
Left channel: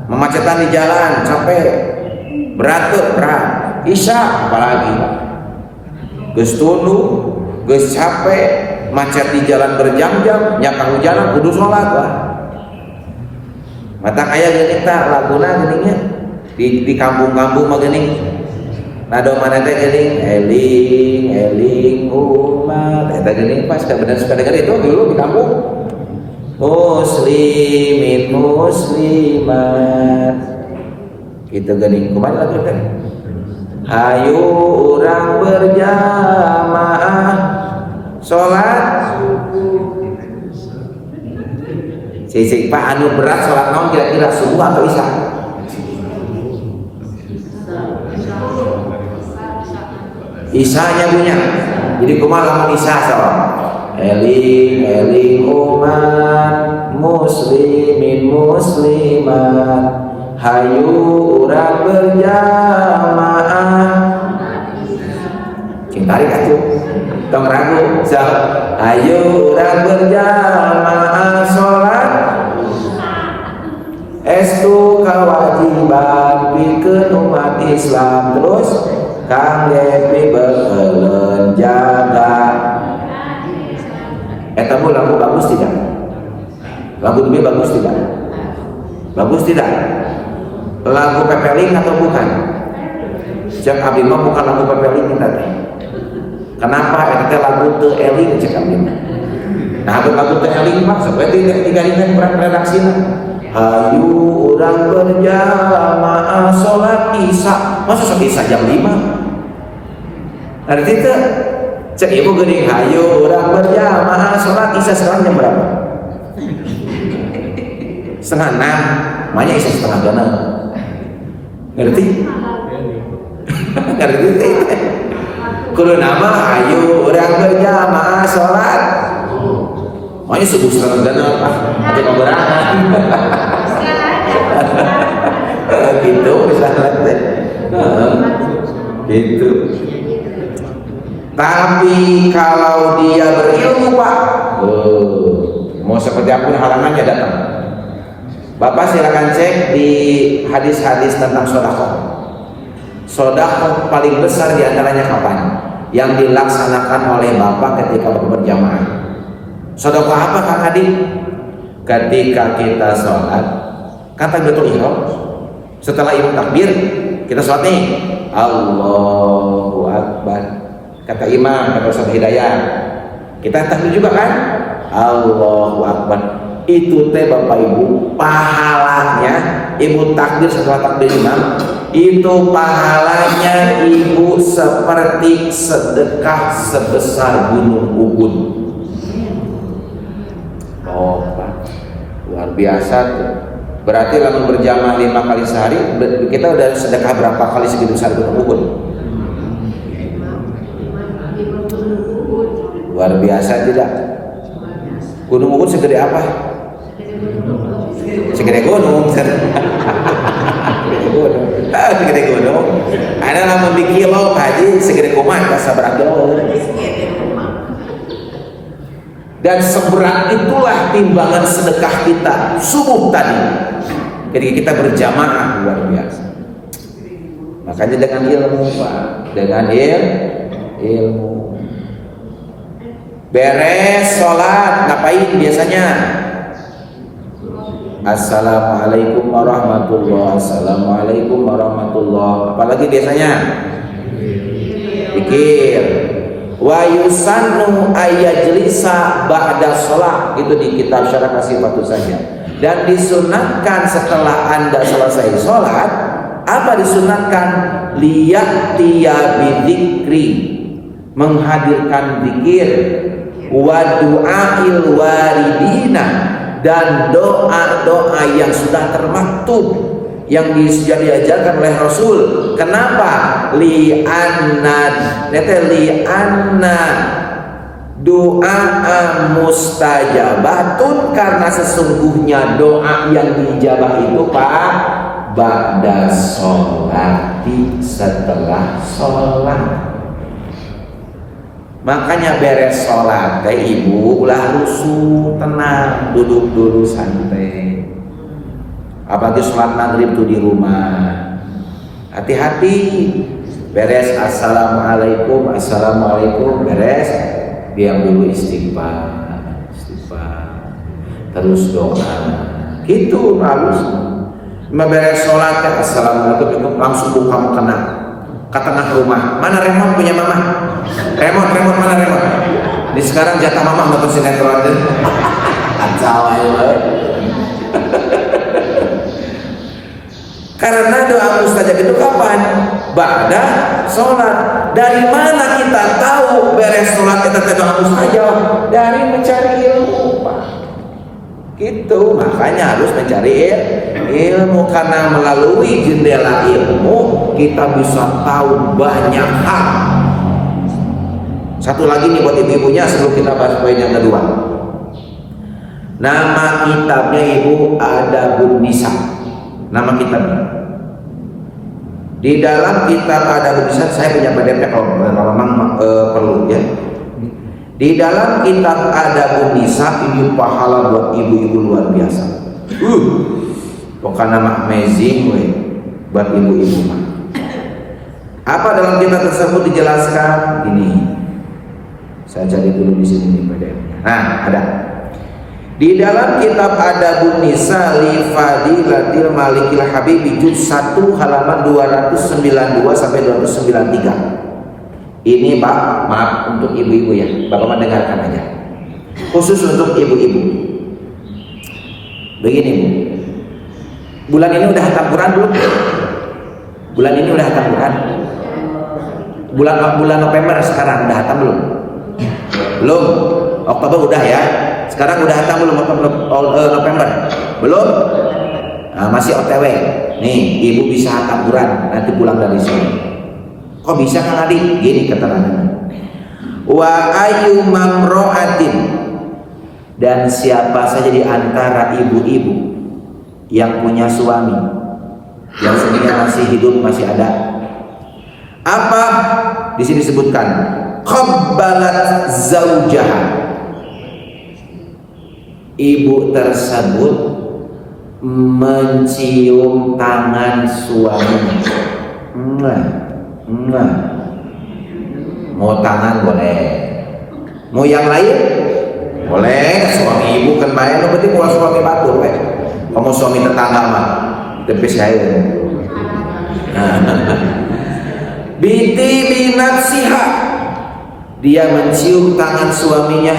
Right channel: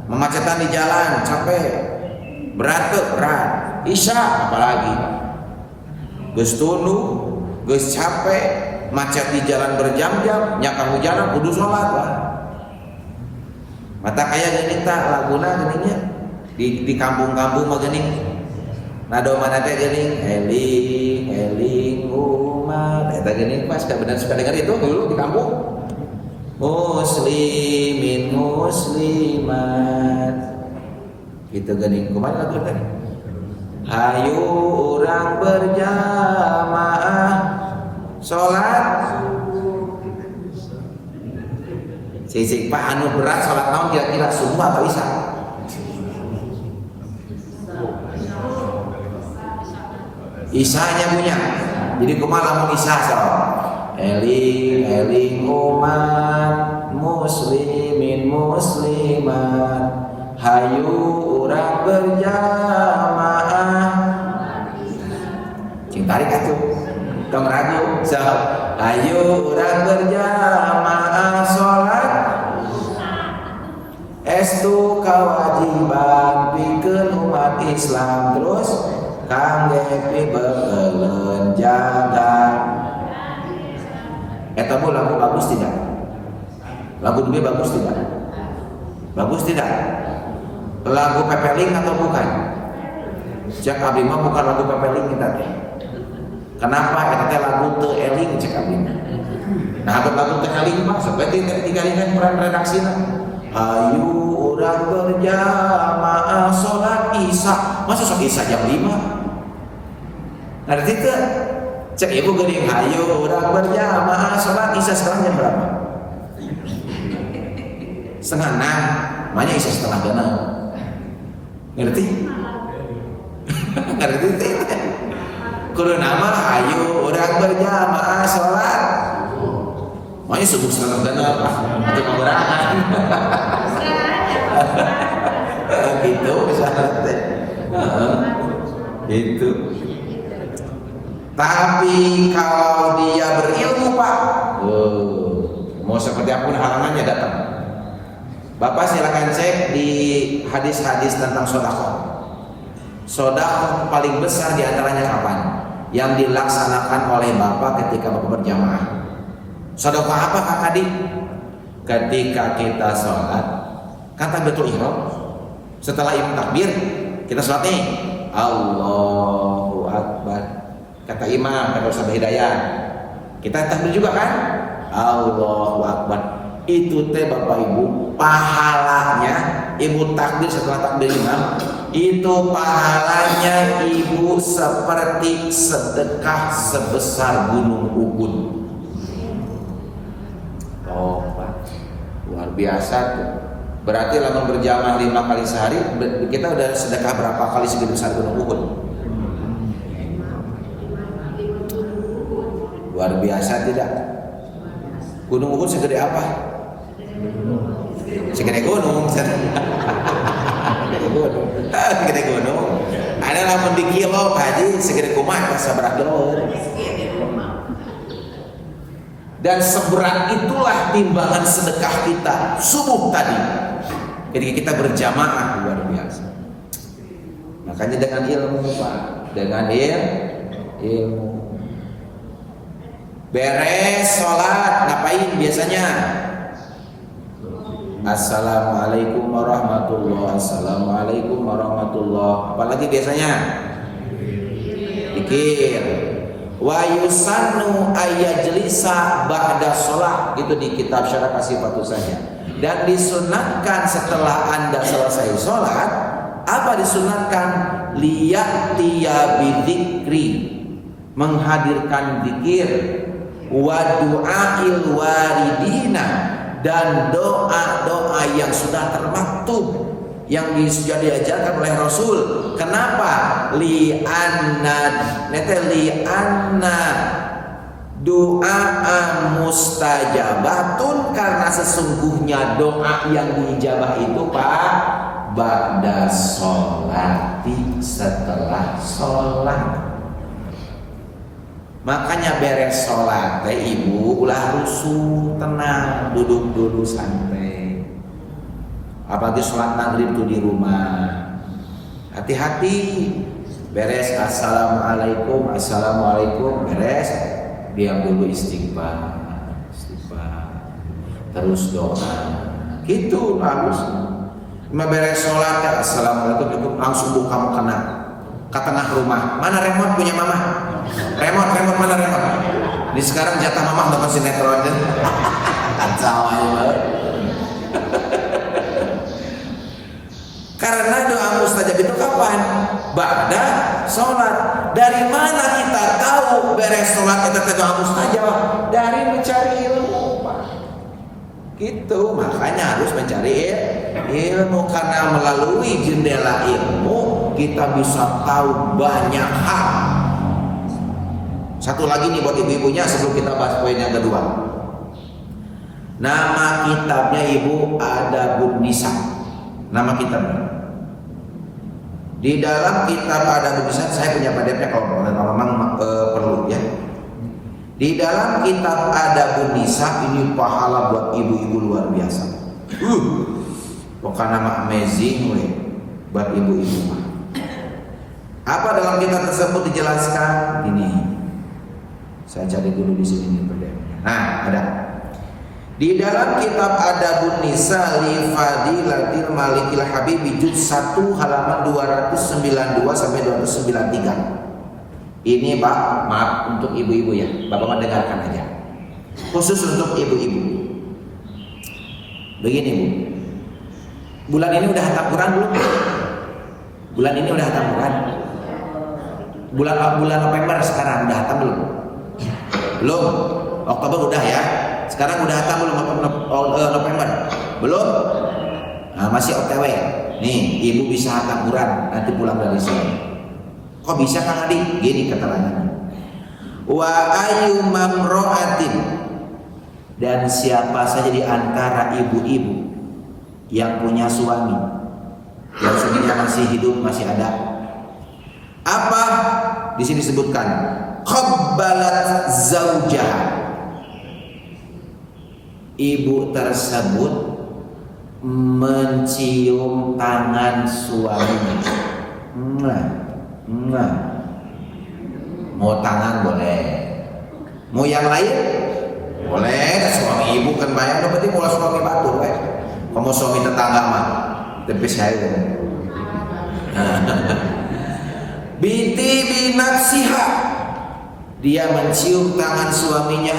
memacetan di jalan, capek. Berat tuh, berat. Isya apalagi? Geus tunu, geus capek, macet di jalan berjam-jam, nya kehujanan kudu sholat wah. Mata kaya geuning tah laguna geuningnya di kampung-kampung mah geuning. Nado mana teh geuning eling umat eta geuning pas bener suka dengar itu dulu di kampung. Muslimin muslimat. Gitu geuning kumaha lagu teh? hayu urang berjamaah salat sisik Pak anu berat salat naon kira-kira subuh atau isya? Isanya punya. Jadi kumaha lamun isya salat? Eling umat muslimin muslimat hayu urang berjamaah cing tarik atuh tong ragu so hayu urang berjamaah salat estu kewajiban pikeun umat Islam terus kangge pibeuleun jaga. Eta lagu bagus tidak? Lagu ini bagus tidak? Bagus tidak? Lagu pepeling atau bukan? Cek abdi mah bukan lagu pepeling kita teh. Kenapa? Eta teh lagu teu eling cek abdi mah. Nah, lagu teu eling mah sok we digaringan redaksina. Hayu urang berjamaah salat isya. Masa sok isya jam 5? Arti teh cek ibu geuning hayu urang berjamaah salat isya sekarang jam berapa? 5:30. Makanya isya 5:30. Ngerti? Ngerti teh. Kudu nama hayu urang berjamaah salat. Makanya subuh 5:30 atau paberahan. Gitu misalnya teh. Gitu. Tapi kalau dia berilmu Pak, mau seperti apapun halangannya datang. Bapak silakan cek di hadis-hadis tentang sedekah. Sedekah paling besar diantaranya kapan? Yang dilaksanakan oleh Bapak ketika Bapak berjamaah. Sedekah apa Kang Adi? Ketika kita sholat, kan takbiratul ihram. Setelah imam takbir, kita sholat nih, Allahu Akbar. Kata imam, kata Ustaz Hidayat, kita takbir juga kan? Allahu Akbar. Itu teh Bapak Ibu, pahalanya Ibu takbir setelah takbir imam, itu pahalanya Ibu seperti sedekah sebesar gunung Uhud. Oh Pak, luar biasa tuh. Berarti lamun berjamaah 5 kali sehari, kita udah sedekah berapa kali segitu besar gunung Uhud? Luar biasa tidak? Gunung Uhud segede apa? Segede gunung. Segede gunung. Segede gunung. Ada lamun di kilo haji segede kumaha sabaraha kilo. Dan seberat itulah timbangan sedekah kita subuh tadi ketika kita berjamaah, luar biasa. Makanya dengan ilmu Pak, dengan ilmu. Beres sholat ngapain biasanya? Assalamualaikum warahmatullahi, assalamualaikum warahmatullahi. Apalagi biasanya? Pikir. Wa yusannu ayyajlisa ba'da sholat, itu di kitab Syarah Kasifatus saja. Dan disunatkan setelah Anda selesai sholat, apa disunatkan? Liya'tiya bidzikri, menghadirkan zikir, wa du'ail waridina, dan doa-doa yang sudah termaktub yang sudah diajarkan oleh Rasul. Kenapa? Li'anna doa mustajabatun, karena sesungguhnya doa yang diijabah itu Pak ba'da sholati, setelah sholat. Makanya beres sholat teh Ibu ulah rusuh, tenang, duduk dulu santai. Apalagi sholat maghrib tuh di rumah, hati-hati. Beres assalamualaikum, assalamualaikum, beres diam dulu, istighfar, terus doa. Gitu harus. Beres sholat ya assalamualaikum, langsung buka mau kena ke tengah rumah. Mana remote punya mama? Remote mana remote? Ini sekarang jatah mama nonton sinetron deh. Kacau aja. Karena doa mustajab itu kapan? Ba'da sholat. Dari mana kita tahu beres sholat kita doa mustajab? Dari mencari ilmu, Pak. Gitu, makanya harus mencari ilmu, karena melalui jendela ilmu kita bisa tahu banyak hal. Satu lagi nih buat ibu-ibunya sebelum kita bahas poin yang kedua. Nama kitabnya Ibu Adabun Nisa. Nama kitabnya. Di dalam kitab Adabun Nisa, saya punya PDF kalau memang perlu ya. Di dalam kitab Adabun Nisa ini pahala buat ibu-ibu luar biasa. Pokoknya nama amazing we buat ibu-ibu. Apa dalam kitab tersebut dijelaskan? Ini. Saya cari dulu di sini nih PDF-nya. Nah, ada. Di dalam kitab Adabun Nisa li Fadilatil Malikil Habibi juz 1 halaman 292 sampai 293. Ini Pak, maaf untuk ibu-ibu ya. Bapak mah dengarkan aja. Khusus untuk ibu-ibu. Begini Bu. Bulan ini udah hatam Quran belum? Bulan ini udah hatam Quran? Bulan November sekarang udah hatam belum? Belum. Oktober udah ya. Sekarang udah hatam belum November? Belum? Nah, masih OTW. Nih, ibu bisa hatam Quran nanti pulang dari sini. Kok bisa Kang Adi? Gini keterangannya. Wa ayu mamro'atin, dan siapa saja di antara ibu-ibu yang punya suami, yang suaminya masih hidup, masih ada. Apa? Di sini disebutkan qabbalat zaujaha. Ibu tersebut mencium tangan suaminya. Mau tangan boleh, mau yang lain boleh. Suami ibu kan main, lo berarti mau suami batur weh. Kamu suami tetangga mah tapi saya biti binafsiha, dia mencium tangan suaminya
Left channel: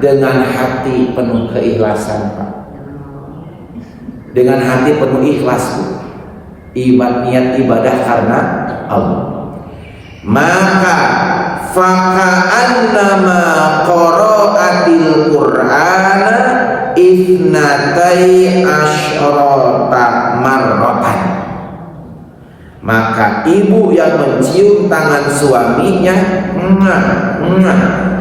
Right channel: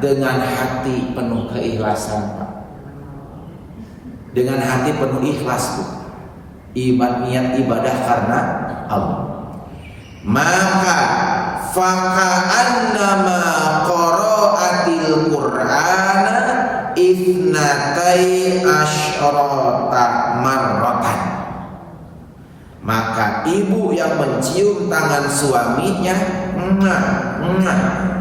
dengan hati penuh keikhlasan Pak, dengan hati penuh ikhlas Bu. Niat ibadah karena Allah, maka faka'annama qara'atil Qur'ana ifnatai asyrata marratan. Maka ibu yang mencium tangan suaminya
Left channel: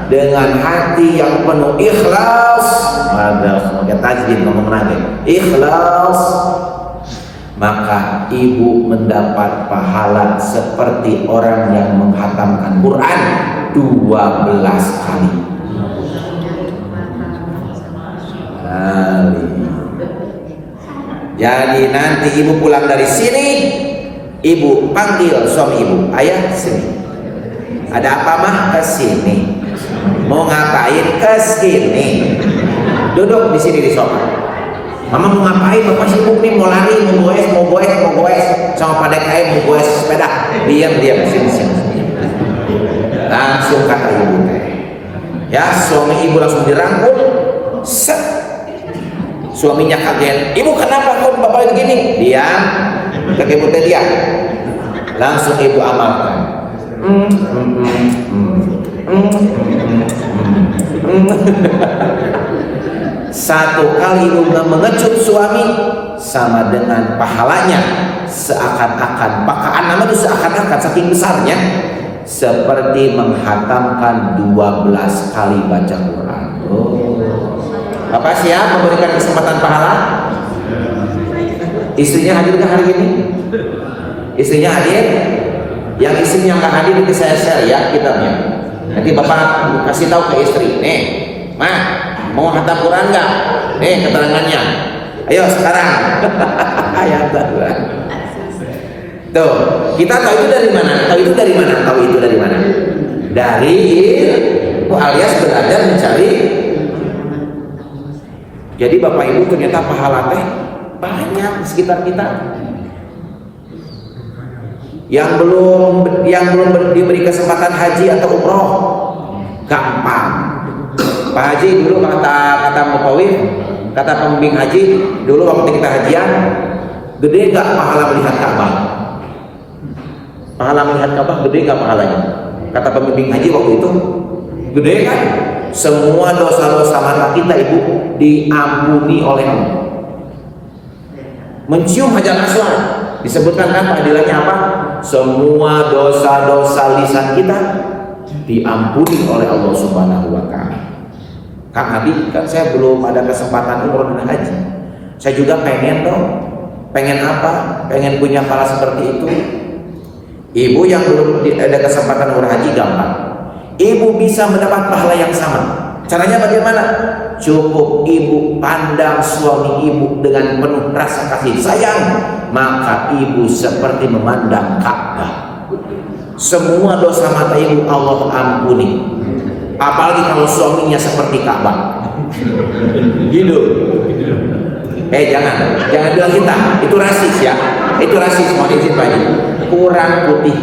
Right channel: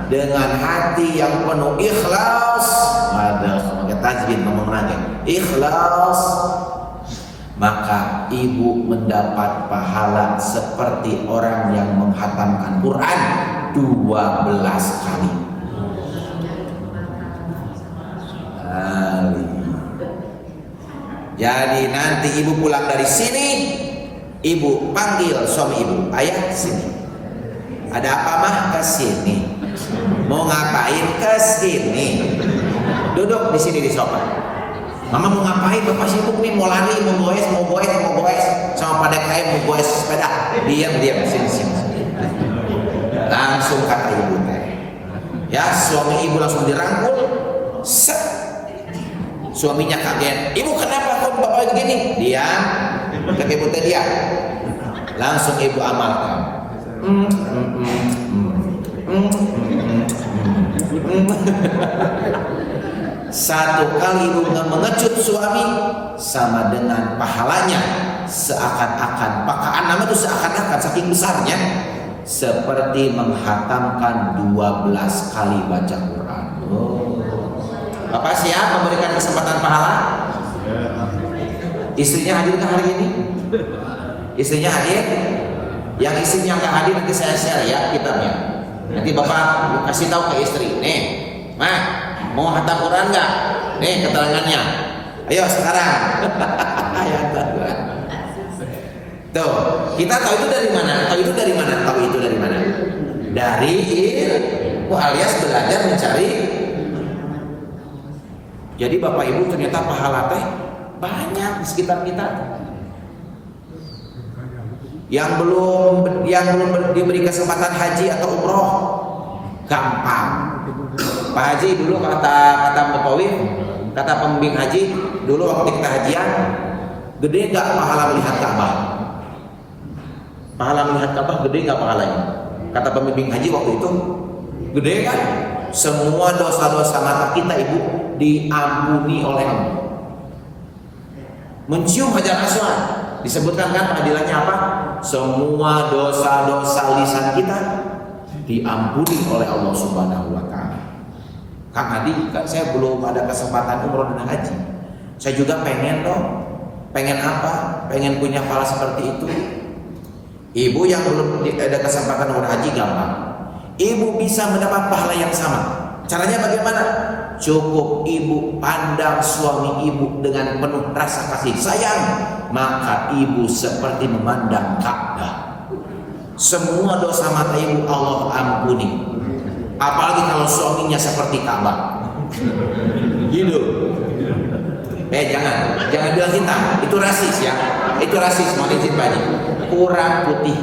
dengan hati yang penuh ikhlas, ada semoga tajwid ngomong lagi, ikhlas, maka ibu mendapat pahala seperti orang yang menghatamkan Quran 12 kali. Jadi nanti ibu pulang dari sini, ibu panggil suami ibu, ayah sini. Ada apa mah? Ke sini. Mau ngapain? Ke sini. Duduk di sini di sofa. Mama mau ngapain? Bapak sibuk nih, mau lari, mau goes sama pada kayak mau goes sepeda. Diam sini. Langsung kata ibu teh. Ya, suami ibu langsung dirangkul. Set. Suaminya kaget. Ibu kenapa kok bapak begini? Diam. Kaki ibu teh diam. Langsung ibu amalkan. Satu kali ibu mengecut suami sama dengan pahalanya seakan-akan, pakaan nama itu seakan-akan saking besarnya seperti menghatamkan 12 kali baca Quran. Bapak siap memberikan kesempatan pahala? Istrinya hadir nggak hari ini? Istrinya hadir? Yang istrinya nggak hadir nanti saya share ya kitabnya. Nanti bapak kasih tahu ke istri, nih, mah mau hatam Quran nggak? Nih keterangannya. Ayo sekarang. Ayat Tuhan. Tuh, kita tahu itu dari mana? Tahu itu dari mana? Dari ilmu alias belajar mencari. Jadi bapak ibu ternyata pahala teh banyak di sekitar kita. Yang belum diberi kesempatan haji atau umroh, gampang. Pak Haji dulu kata Bapak Wim, kata pembimbing haji dulu waktu kita hajian, Gede gak pahala melihat Ka'bah? Pahala melihat Ka'bah gede gak pahalanya? Kata pembimbing haji waktu itu, gede kan? Semua dosa-dosa mata kita ibu diampuni oleh Allah. Mencium Hajar Aswad, disebutkan kan padilannya apa? Semua dosa-dosa lisan kita diampuni oleh Allah Subhanahu wa Ta'ala. Kang Adi, saya belum ada kesempatan umroh dan haji. Saya juga pengen dong. Pengen apa? Pengen punya pahala seperti itu. Ibu yang belum ada kesempatan umroh haji gampang. Ibu bisa mendapat pahala yang sama. Caranya bagaimana? Cukup ibu pandang suami ibu dengan penuh rasa kasih sayang, maka ibu seperti memandang Ka'bah. Semua dosa mata ibu Allah ampuni. Apalagi kalau suaminya seperti Ka'bah. Gitu. Jangan bilang kita, itu rasis ya. Itu rasis, mohon izin Pak Haji. Kurang putih.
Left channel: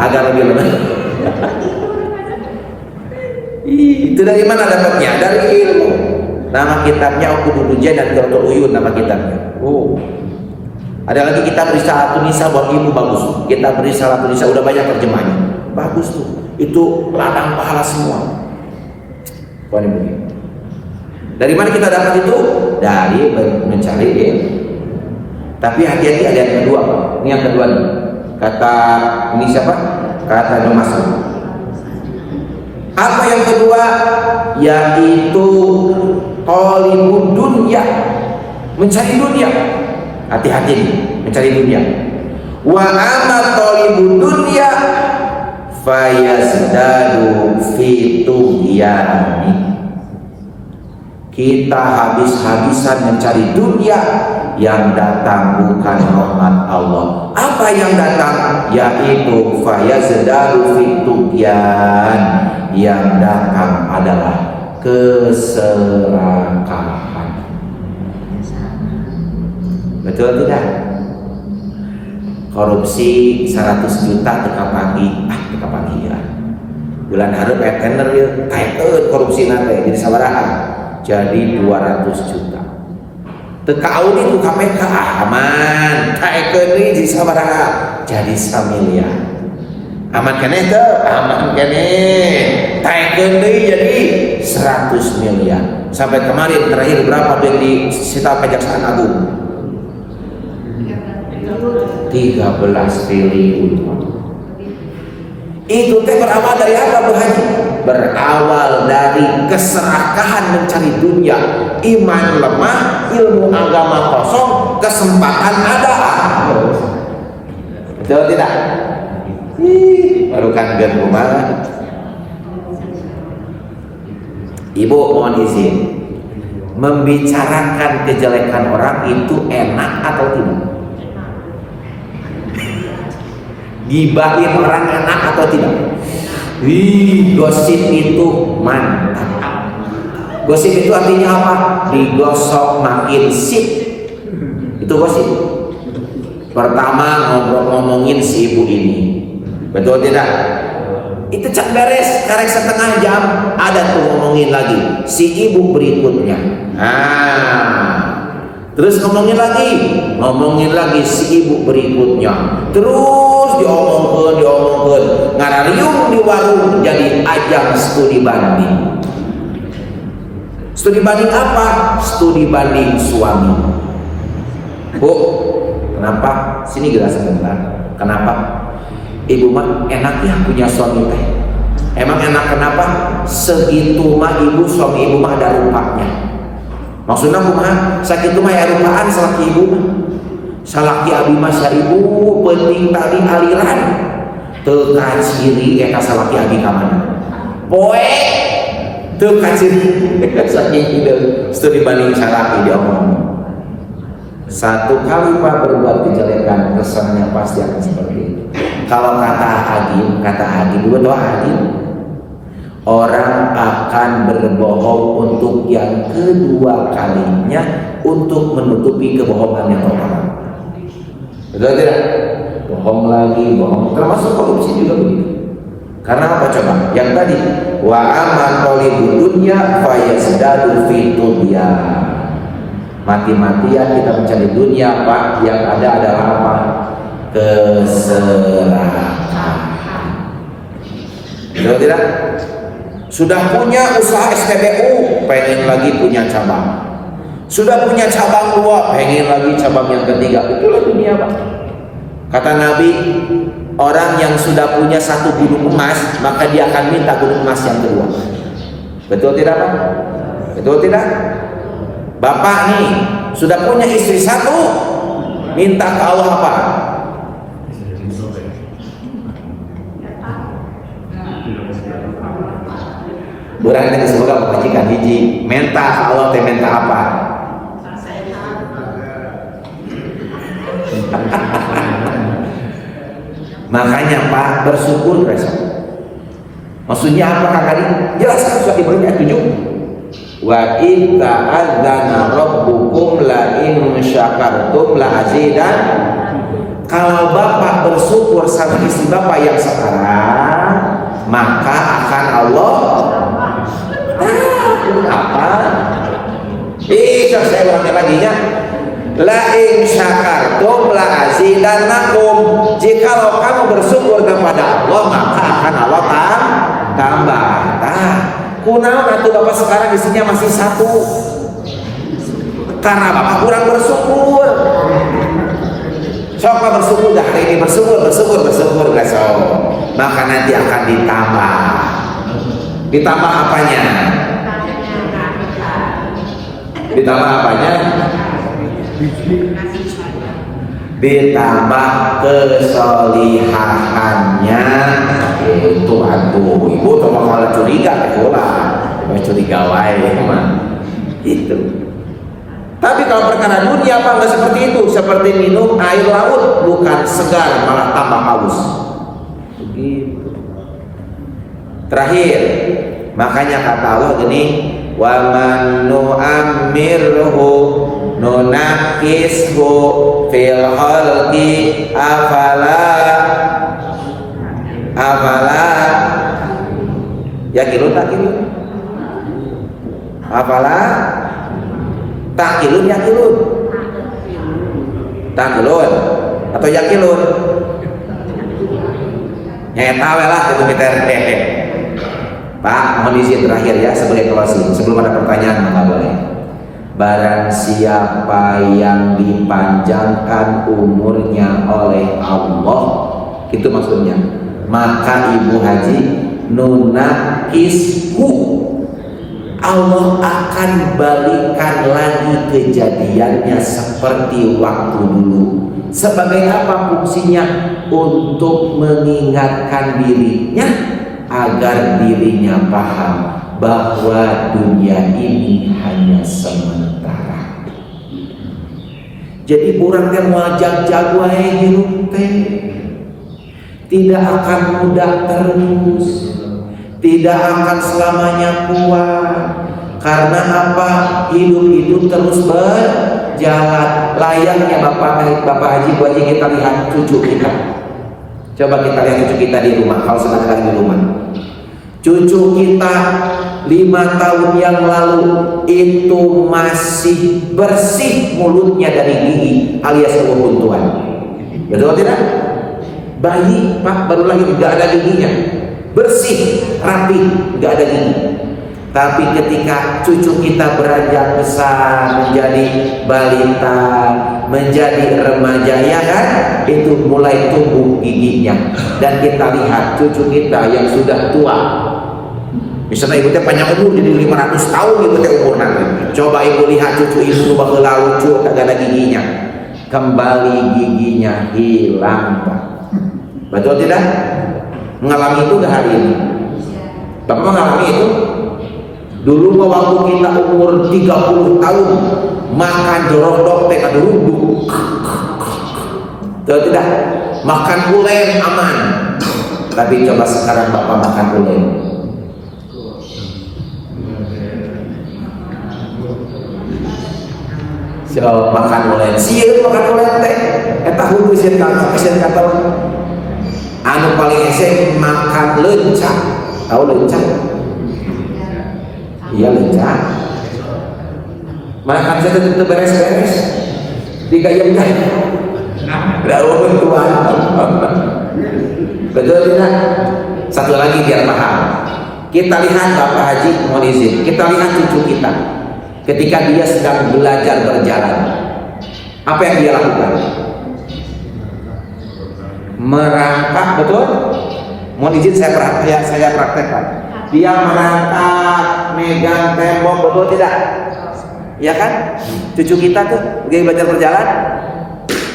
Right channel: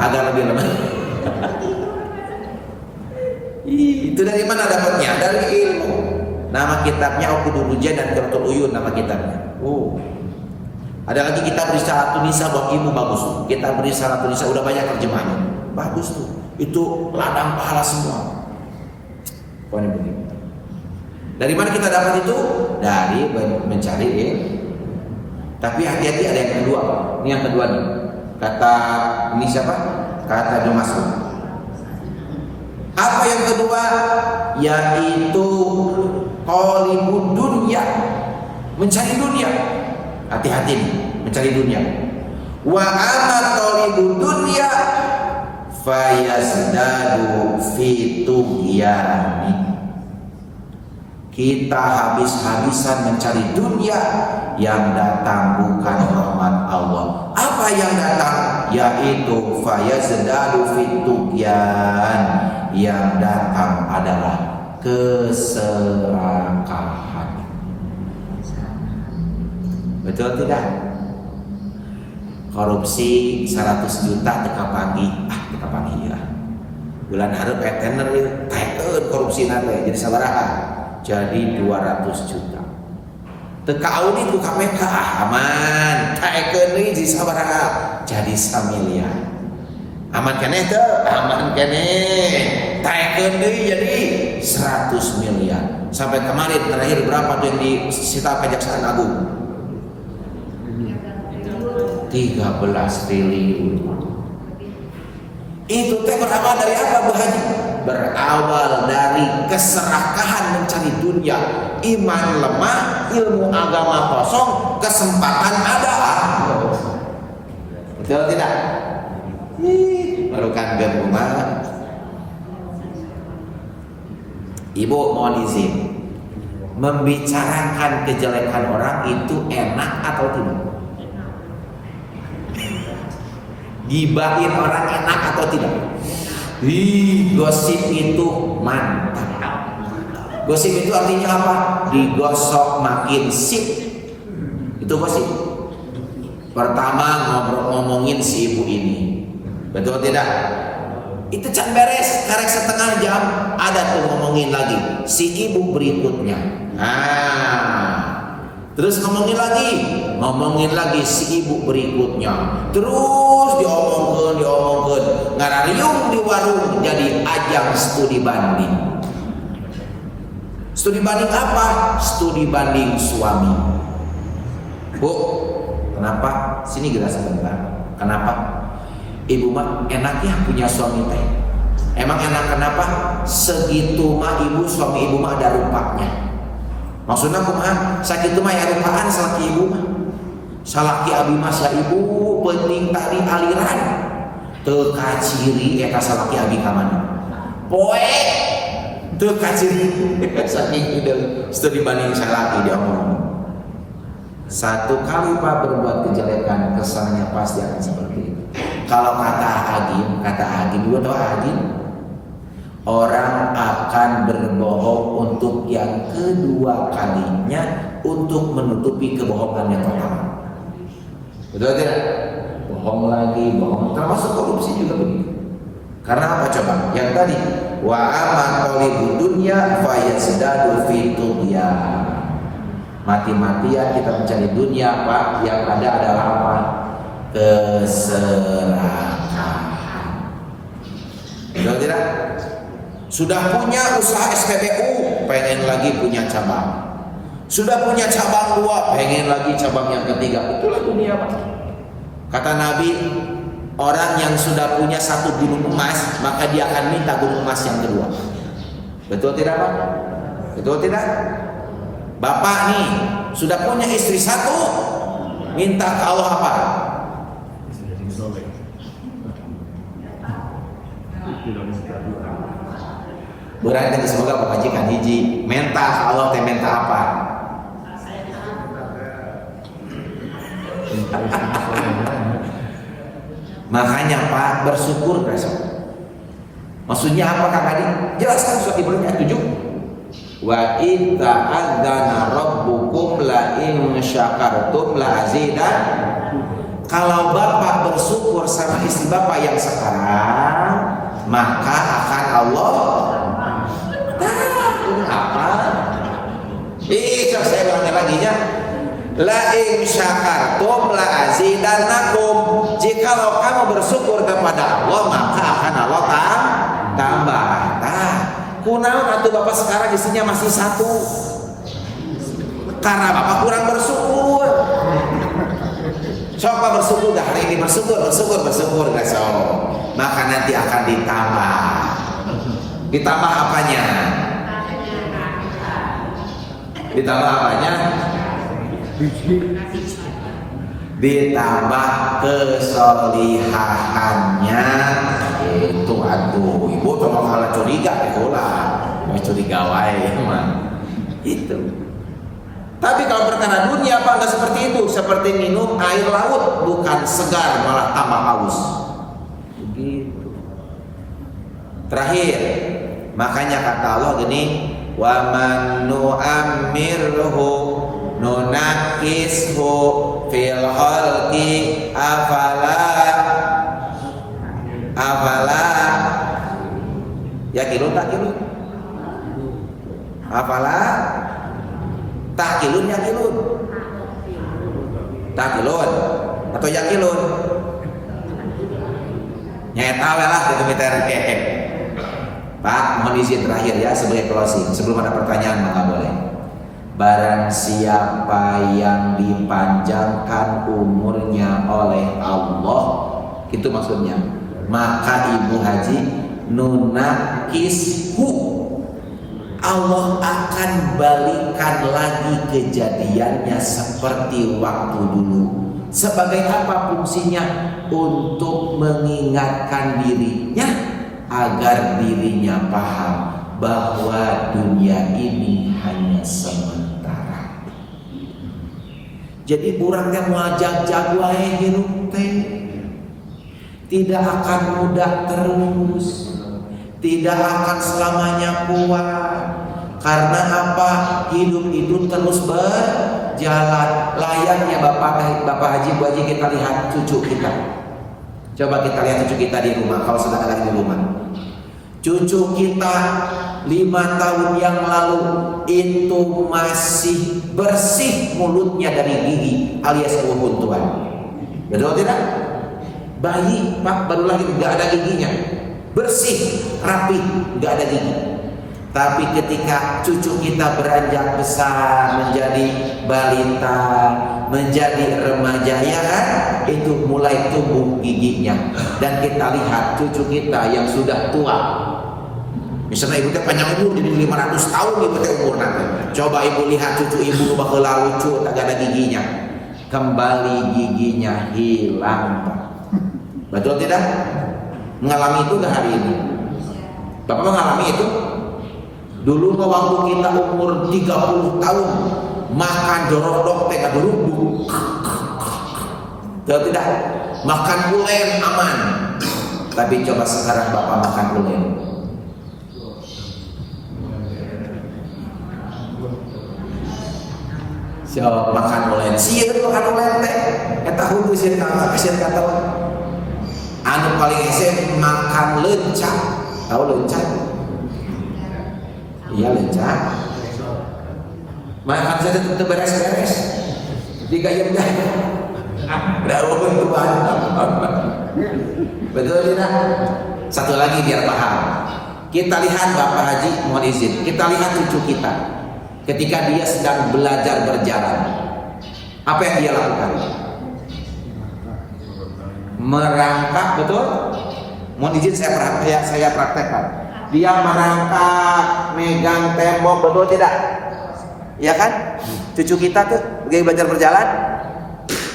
Agak lebih lemah. Itu dari mana dapatnya? Dari ilmu. Nama kitabnya Uqudul dan Qiratul Uyun, nama kitabnya. Ada lagi kitab Risalatun Nisa buat ibu, bagus. Kitab Risalatun Nisa udah banyak terjemahnya. Bagus tuh. Itu ladang pahala semua. Begini. Dari mana kita dapat itu? Dari mencari ilmu. Tapi hati-hati, ada yang kedua, Pak. Ini yang kedua nih. Kata ini siapa? Kata Ibnu Mas'ud. Apa yang kedua? Yaitu talibud dunya, mencari dunia. Hati-hati nih, mencari dunia. Wa amma talibud dunya fayazdadu fi tughyani. Kita habis-habisan mencari dunia, yang datang bukan rahmat Allah. Apa yang datang? Yaitu fayazdadu fi tughyan. Yang datang adalah keserakahan. Betul tidak? Korupsi 100 juta teka pagi, ya. Bulan hareup etener ya, taekeun korupsi nanti jadi sabaraha? Jadi 200 juta. Teka audit ku KPK aman, taekeun deui jadi sabaraha? Jadi 1 miliar. Aman kene teu? Aman kene. Taekeun deui jadi 100 miliar. Sampai kemarin terakhir berapa yang disita Kejaksaan Agung? 13 triliun. Itu teh berawal dari apa, Bu Haji? Berawal dari keserakahan mencari dunia. Iman lemah, ilmu agama kosong, kesempatan ada. Betul tidak? Baru kangen rumah. Ibu mohon izin, membicarakan kejelekan orang itu enak atau tidak? Gibahin orang enak atau tidak? Gosip itu mantap. Gosip itu artinya apa? Digosok makin sip. Itu gosip. Pertama ngomongin si ibu ini. Betul tidak? Itu cak beres, karek setengah jam ada tuh ngomongin lagi si ibu berikutnya. Terus ngomongin lagi si ibu berikutnya. Terus diomongkeun, ngarariung di warung jadi ajang studi banding. Studi banding apa? Studi banding suami. Bu, kenapa? Sini gelas sebentar. Kenapa? Ibu mah enak ya punya suami teh. Emang enak kenapa? Segitu mah suami ibu mah ada rupanya. Maksudnya kumaha? Sakitu mah ya rupaan salaki ibu mah. Salaki abi mah sa ibu penting tadi aliran. Teu kaciri eta salaki abi ka mana? Poe teu kaciri saking ide studi banding salaki diomong. Satu kali Pak berbuat kejelekan, kesannya pasti akan seperti itu. Kalau kata Agim, dulu tahu Agim, orang akan berbohong untuk yang kedua kalinya untuk menutupi kebohongan yang pertama. Betul tidak? Bohong lagi, bohong. Termasuk korupsi juga begitu. Karena apa coba? Yang tadi, wa aman talibud dunya fayazdadu fi tughyan. Mati-matian kita mencari dunia, Pak, yang ada adalah apa? Keserakahan. Betul tidak? Sudah punya usaha SPBU, pengen lagi punya cabang. Sudah punya cabang 2, pengen lagi cabang yang ketiga. Itulah dunia, Pak. Kata Nabi, orang yang sudah punya 1 gunung emas, maka dia akan minta gunung emas yang kedua. Betul tidak, Pak? Betul tidak? Bapak nih sudah punya istri 1, minta ke Allah apa? Berarti tadi semoga mengajikan hiji, minta ke Allah teh minta apa? Makanya Pak, bersyukur besok. Maksudnya apa Kak Adi? Jelaskan surat Ibrahim ayat 7. Wa in ta'adzana rabbukum la in syakartum la azidan. Kalau Bapak bersyukur sama istri Bapak yang sekarang, maka akan Allah. Ini apa? Saya ulangnya lagi ya. La in syakartum la azidannakum. Jikalau kamu bersyukur kepada Allah, maka akan Allah tambah. Kunaon atuh Bapak sekarang istrinya masih 1? Karena Bapak kurang bersyukur. Coba bersyukur dah hari ini, bersyukur besok. Maka nanti akan ditambah. Ditambah apanya? Ditambah apanya? Ditambah kesolihahannya. Itu aduh, ibu tuh malah curiga curiga wae mah. Itu. Tapi kalau perkara dunia apa enggak seperti itu? Seperti minum air laut, bukan segar malah tambah haus. Begitu. Terakhir, makanya kata Allah gini, wa man nu'ammirhu nunakishu fil khalqi afala yakilun takilun afala takilun atau yakilun nyata lah gitu meter. Pak, mohon izin terakhir ya sebagai closing sebelum ada pertanyaan nggak boleh. Barang siapa yang dipanjangkan umurnya oleh Allah, itu maksudnya, maka Ibu Haji nunakishu, Allah akan balikan lagi kejadiannya seperti waktu dulu. Sebagai apa fungsinya? Untuk mengingatkan dirinya agar dirinya paham bahwa dunia ini hanya sementara. Jadi urang teh moal jag-jag wae hirup teh tidak akan mudah terus, tidak akan selamanya kuat. Karena apa? Hidup itu terus berjalan. Layaknya Bapak Haji, Bu Haji, kita lihat cucu kita. Coba kita lihat cucu kita di rumah, kalau sedang ada di rumah. Cucu kita 5 tahun yang lalu itu masih bersih mulutnya dari gigi alias kebuntuan. Betul tidak? Bayi Pak baru lahir nggak ada giginya, bersih, rapi, nggak ada gigi. Tapi ketika cucu kita beranjak besar, menjadi balita, menjadi remaja, ya kan, itu mulai tumbuh giginya. Dan kita lihat cucu kita yang sudah tua, misalnya ibu teh panjang umur jadi 500 tahun ibu teh umur nanti. Coba ibu lihat cucu ibu baheula lucu tak ada giginya, kembali giginya hilang Pak. Betul tidak? Mengalami itu gak hari ini? Bapak mengalami itu? Dulu waktu kita umur 30 tahun makan dorok-dok teh kaduruk. Betul tidak? Makan ulen aman. Tapi coba sekarang Bapak makan ulen. So, makan ulen. Sieun makan ulen teh. Eta hulu sieun kata anu paling ese makan lencah. Tahu lencah? Iya lencah. Makan saya tetap beres-beres, digayam-gayam. Daun Tuhan. Betul tidak? Satu lagi biar paham. Kita lihat Bapak Haji, mohon izin. Kita lihat cucu kita. Ketika dia sedang belajar berjalan, apa yang dia lakukan? Merangkak, betul? Mohon izin saya praktekkan. Dia merangkak, megang tembok, betul tidak? Ya kan? Cucu kita tuh lagi belajar berjalan.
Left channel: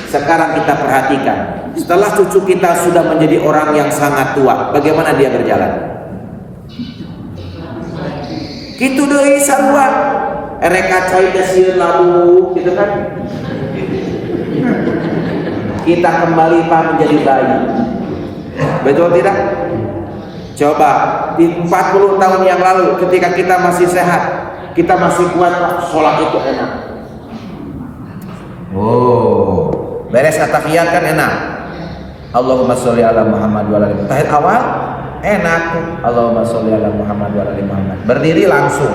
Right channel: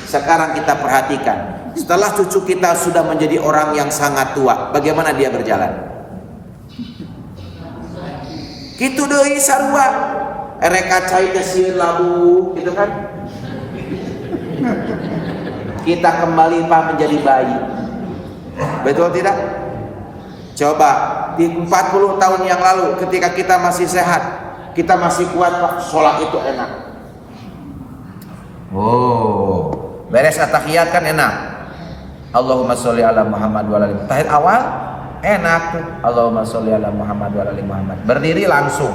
Sekarang kita perhatikan. Setelah cucu kita sudah menjadi orang yang sangat tua, bagaimana dia berjalan? Gitu deui sarua. Ereka cai teh sieun labu, gitu kan? Kita kembali Pak menjadi bayi. Betul tidak? Coba di 40 tahun yang lalu ketika kita masih sehat, kita masih kuat Pak, sholat itu enak. Oh, beres atahiyat kan enak. Allahumma sholli ala Muhammad wa ala ali Muhammad. Tahiyat awal enak tuh. Allahumma sholli ala Muhammad wa ala ali Muhammad. Berdiri langsung.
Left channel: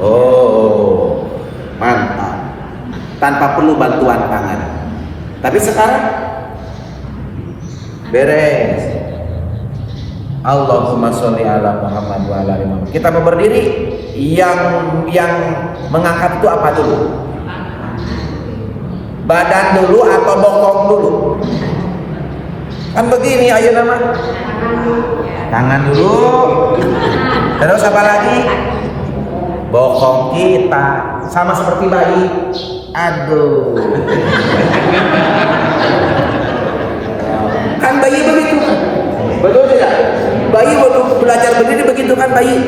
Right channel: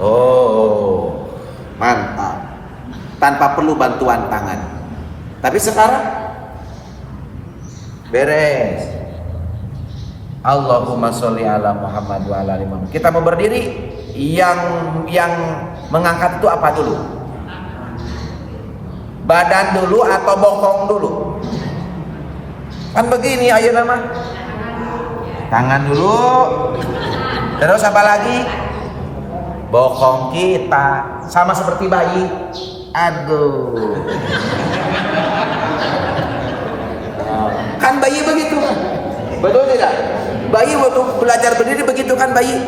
Oh, mantap. Tanpa perlu bantuan tangan. Tapi sekarang beres. Allahumma sholli ala Muhammad wa ala ali Muhammad. Kita mau berdiri, yang mengangkat itu apa dulu? Badan dulu atau bokong dulu? Kan begini ayo nama. Tangan dulu. Terus apa lagi? Bokong kita sama seperti bayi. Aduh. Kan bayi begitu. Betul tidak? Bayi waktu belajar berdiri begitu kan bayi.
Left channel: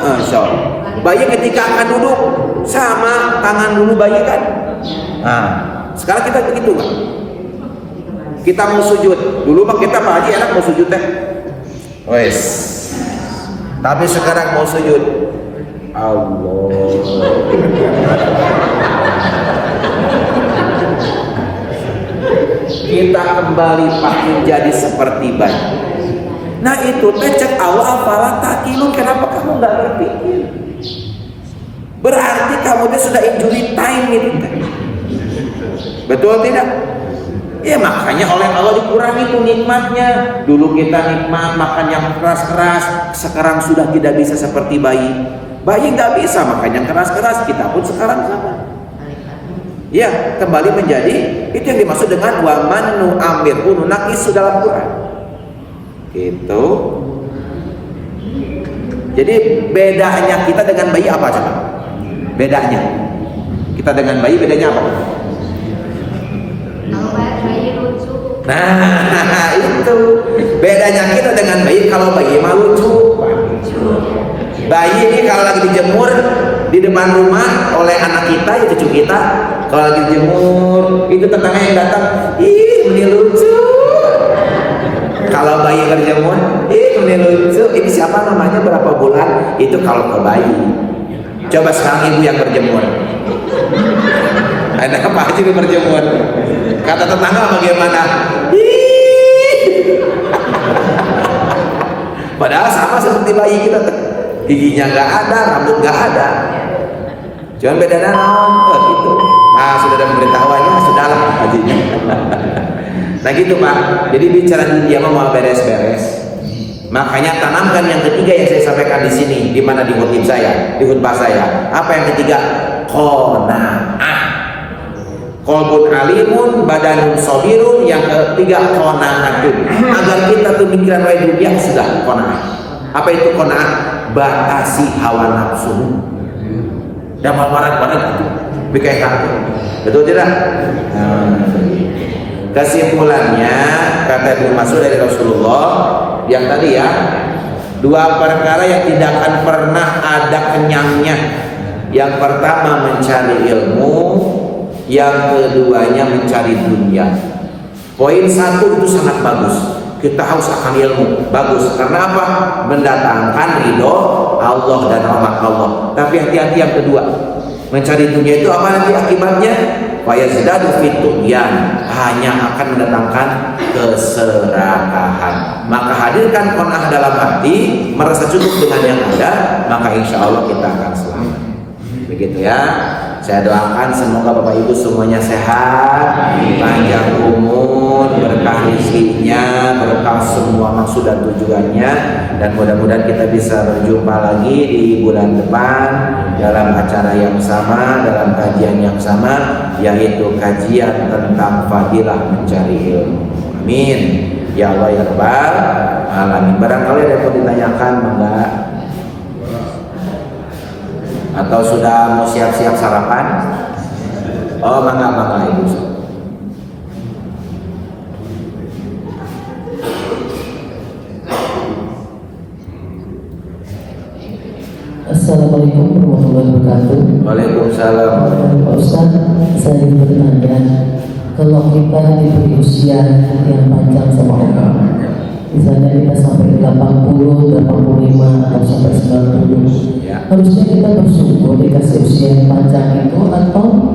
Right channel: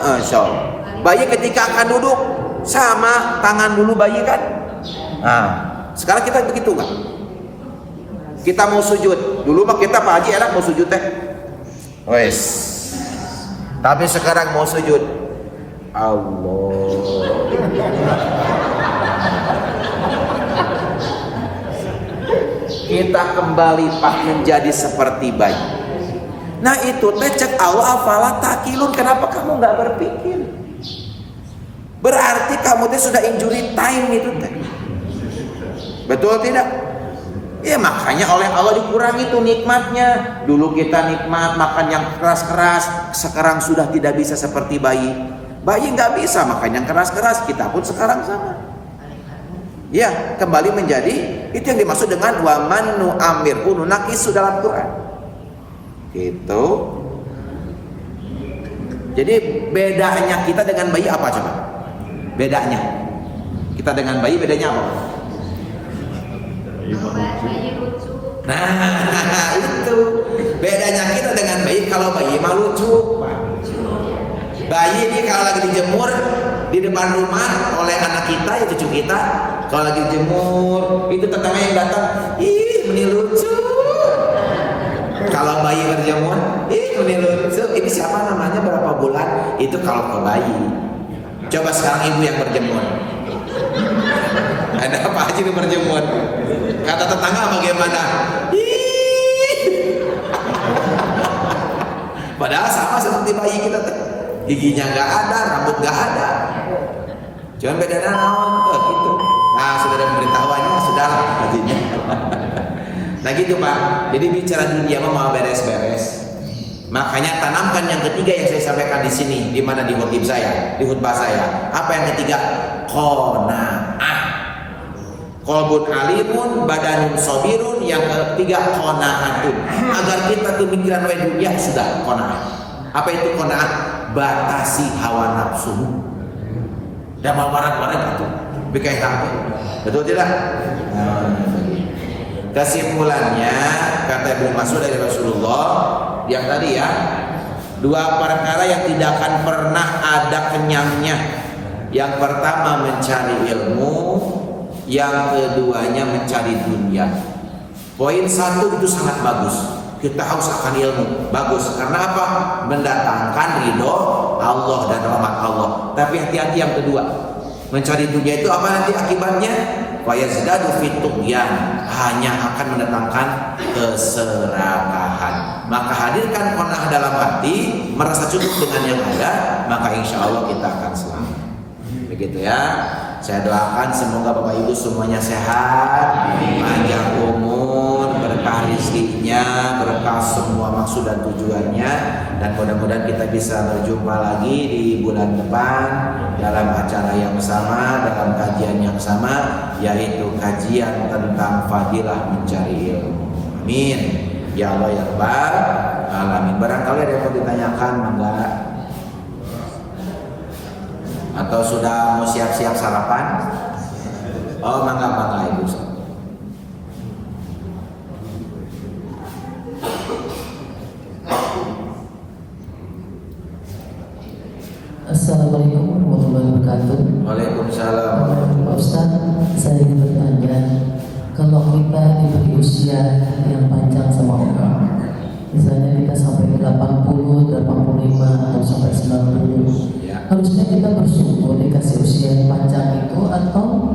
Insyaallah. Bayi ketika akan duduk sama tangan dulu bayi kan. Nah, sekarang kita begitu nggak? Kita mau sujud dulu mah kita Pak Haji enak mau sujud teh. Wes. Tapi sekarang mau sujud. Allah. Kita kembali Pak menjadi seperti bayi. Nah itu teh cek Allah apalah takilun, kenapa kamu nggak berpikir? Berarti kamu teh sudah injury time itu teh. Betul tidak? Ya makanya oleh Allah dikurangi itu nikmatnya. Dulu kita nikmat makan yang keras-keras, sekarang sudah tidak bisa seperti bayi. Bayi nggak bisa makan yang keras-keras, kita pun sekarang sama. Ya kembali menjadi itu yang dimaksud dengan wa man nu'ammirhu nunaqisu dalam Quran. Itu. Jadi bedanya kita dengan bayi apa coba? Bedanya kita dengan bayi bedanya apa? Nah itu bedanya kita dengan bayi. Kalau bayi mah lucu. Bayi ini kalau lagi dijemur di depan rumah oleh anak kita ya cucu kita, kalau lagi dijemur itu tetangga yang datang, ih ini lucu. Kalau bayi berjemur, ini lucu. Ini siapa namanya berapa bulan? Itu kalau ke bayi. Coba sekarang ibu yang berjemur. Ada apa aja itu berjemur? Kata tetangga bagaimana? Padahal sama seperti bayi kita, giginya nggak ada, rambut nggak ada. Cuman bedanya naon, gitu. Nah sudah ada pemberitahuannya, sudahlah hajinya. Nah gitu Pak. Jadi bicara dunia mau beres-beres. Makanya tanamkan yang ketiga yang saya sampaikan di sini, di mana di khutbah saya, di khutbah saya. Apa yang ketiga? Qanaah. Qalbun alimun, badanun sabirun. Yang ketiga qanaatun. Agar kita tuh mikiran wae dunia sudah qanaah. Apa itu qanaah? Batasi hawa nafsu. Dan barang-barang itu bikai hati. Betul tidak? Kesimpulannya kata Ibnu Mas'ud dari Rasulullah yang tadi ya, dua perkara yang tidak akan pernah ada kenyangnya. Yang pertama mencari ilmu, yang keduanya mencari dunia. Poin satu itu sangat bagus. Kita haus akan ilmu, bagus. Karena apa? Mendatangkan ridho Allah dan rahmat Allah. Tapi hati-hati yang kedua, mencari dunia itu apa nanti akibatnya? Fayazdadu fit tughyan, hanya akan mendatangkan keserakahan. Maka hadirkan qanaah dalam hati, merasa cukup dengan yang ada, maka insya Allah kita akan selamat. Begitu ya. Saya doakan semoga Bapak Ibu semuanya sehat, panjang umur, berkah rezekinya, berkah semua maksud dan tujuannya, dan mudah-mudahan kita bisa berjumpa lagi di bulan depan dalam acara yang sama, dalam kajian yang sama, yaitu kajian tentang fadilah mencari ilmu. Amin ya Allah ya Rabbal alamin. Barangkali ada yang mau ditanyakan, mangga. Atau sudah mau siap-siap sarapan? Oh, mangga Ibu. Assalamualaikum warahmatullahi wabarakatuh. Waalaikumsalam. Pak Ustaz, saya ingin bertanya, kalau kita diberi usia yang panjang sama Allah, misalnya kita sampai 80, 85 atau sampai 90, Ya. harusnya kita bersyukur dikasih usia yang panjang itu, atau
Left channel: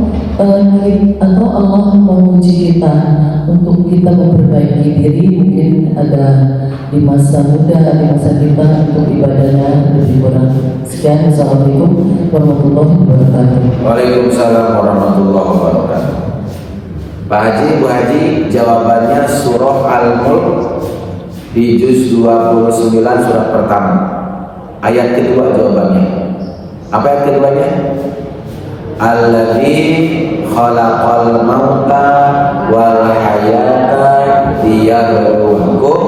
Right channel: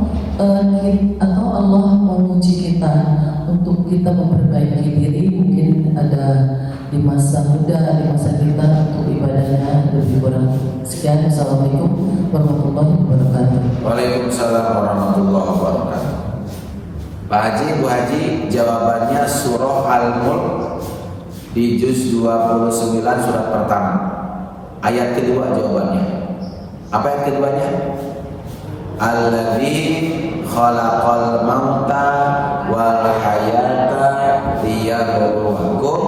Allah menguji kita untuk kita memperbaiki diri, mungkin ada di masa muda, di masa kita untuk ibadahnya lebih kurang. Sekian, Assalamualaikum warahmatullahi wabarakatuh. Waalaikumsalam warahmatullahi wabarakatuh. Pak Haji, Bu Haji, jawabannya surah Al-Mulk di juz 29 surat pertama. Ayat kedua jawabannya. Apa ayat keduanya? Alladzi khalaqal mauta wal hayata liyabluwakum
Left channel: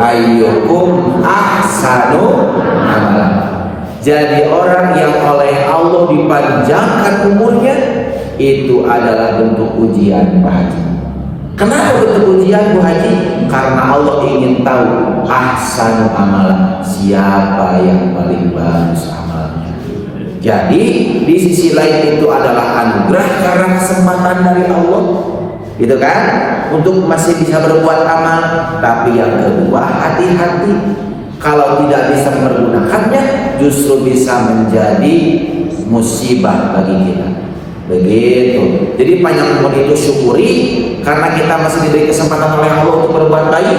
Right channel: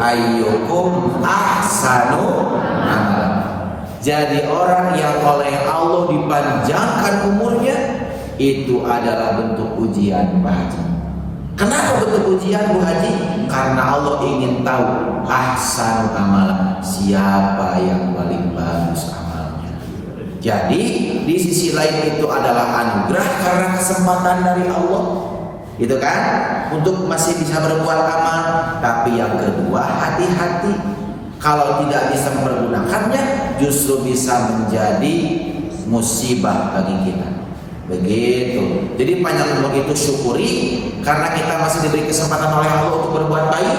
ayyukum ahsanu amala. Jadi orang yang oleh Allah dipanjangkan umurnya itu adalah bentuk ujian, Pak Haji. Kenapa bentuk ujian, Bu Haji? Karena Allah ingin tahu ahsanu amala, siapa yang paling bagus amalnya. Jadi di sisi lain itu adalah anugerah karena kesempatan dari Allah, gitu kan? Untuk masih bisa berbuat amal. Tapi yang kedua, hati-hati. Kalau tidak bisa mempergunakannya, justru bisa menjadi musibah bagi kita. Begitu. Jadi panjang umur itu syukuri karena kita masih diberi kesempatan oleh Allah untuk berbuat baik.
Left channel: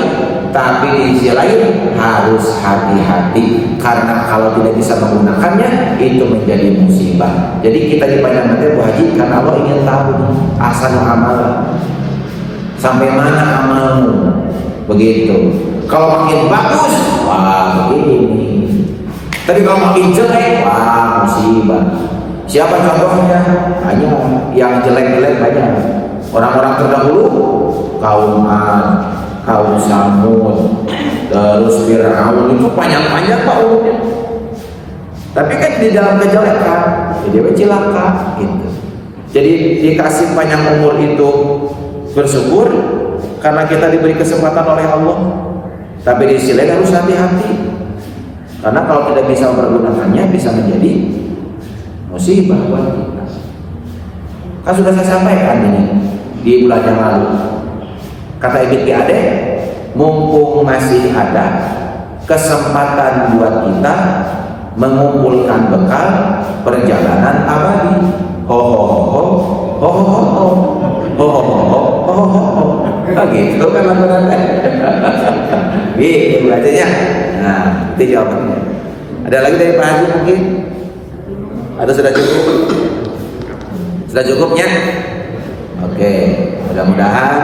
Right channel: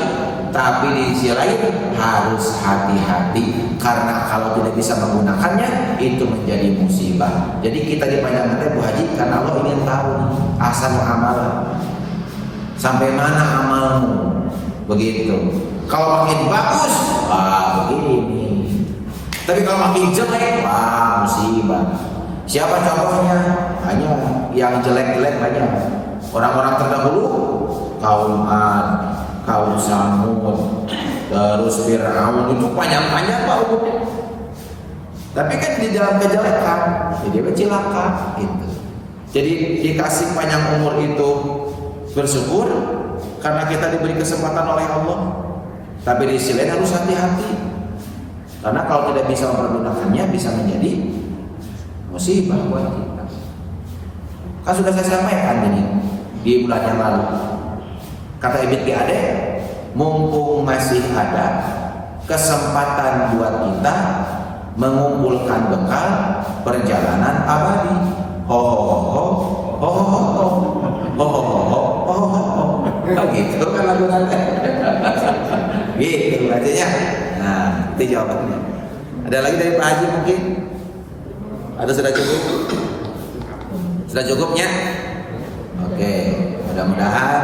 Tapi di sisi lain harus hati-hati karena kalau tidak bisa menggunakannya itu menjadi musibah. Jadi kita dipanjangkan Bu Haji karena Allah ingin tahu ahsanu amalan, sampai mana amalmu. Begitu. Kalau makin bagus, wah begini. Tapi kalau makin jelek, wah musibah. Siapa contohnya? Banyak yang jelek-jelek banyak. Orang-orang terdahulu, kaum Ad, kaum Samud, terus Fir'aun, itu panjang-panjang Pak umurnya. Tapi kan di dalam kejelekan, jadi celaka gitu. Jadi dikasih panjang umur itu bersyukur karena kita diberi kesempatan oleh Allah. Tapi di sisi lain harus hati-hati. Karena kalau tidak bisa mempergunakannya bisa menjadi musibah buat kita. Kan sudah saya sampaikan ini di bulan yang lalu. Kata Ibn Ade, mumpung masih ada kesempatan buat kita mengumpulkan bekal perjalanan abadi. Ho ho ho ho ho ho ho ho ho ho ho. Oh gitu kan lagu nanti. Gitu bacanya. Nah, itu jawabannya. Ada lagi dari Pak Haji mungkin? Atau sudah cukup? Sudah cukupnya? Oke, mudah-mudahan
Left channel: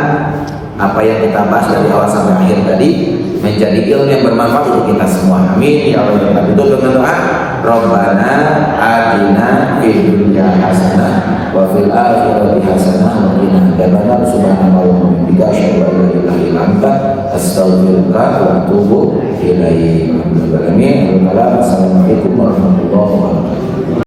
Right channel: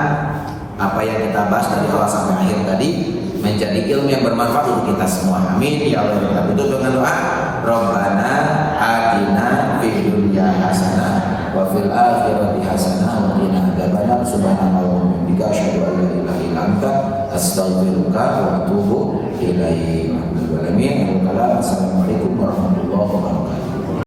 apa yang kita bahas dari awal sampai akhir tadi menjadi ilmu yang bermanfaat untuk kita semua. Amin ya Allah. Kita tutup dengan doa. Rabbana atina fid dunya hasanah wa fil akhirati hasanah wa qina adzabannar. Subhanallah wa bihamdika asyhadu an la ilaha illa anta astaghfiruka wa atubu ilaik. Assalamualaikum warahmatullahi wabarakatuh.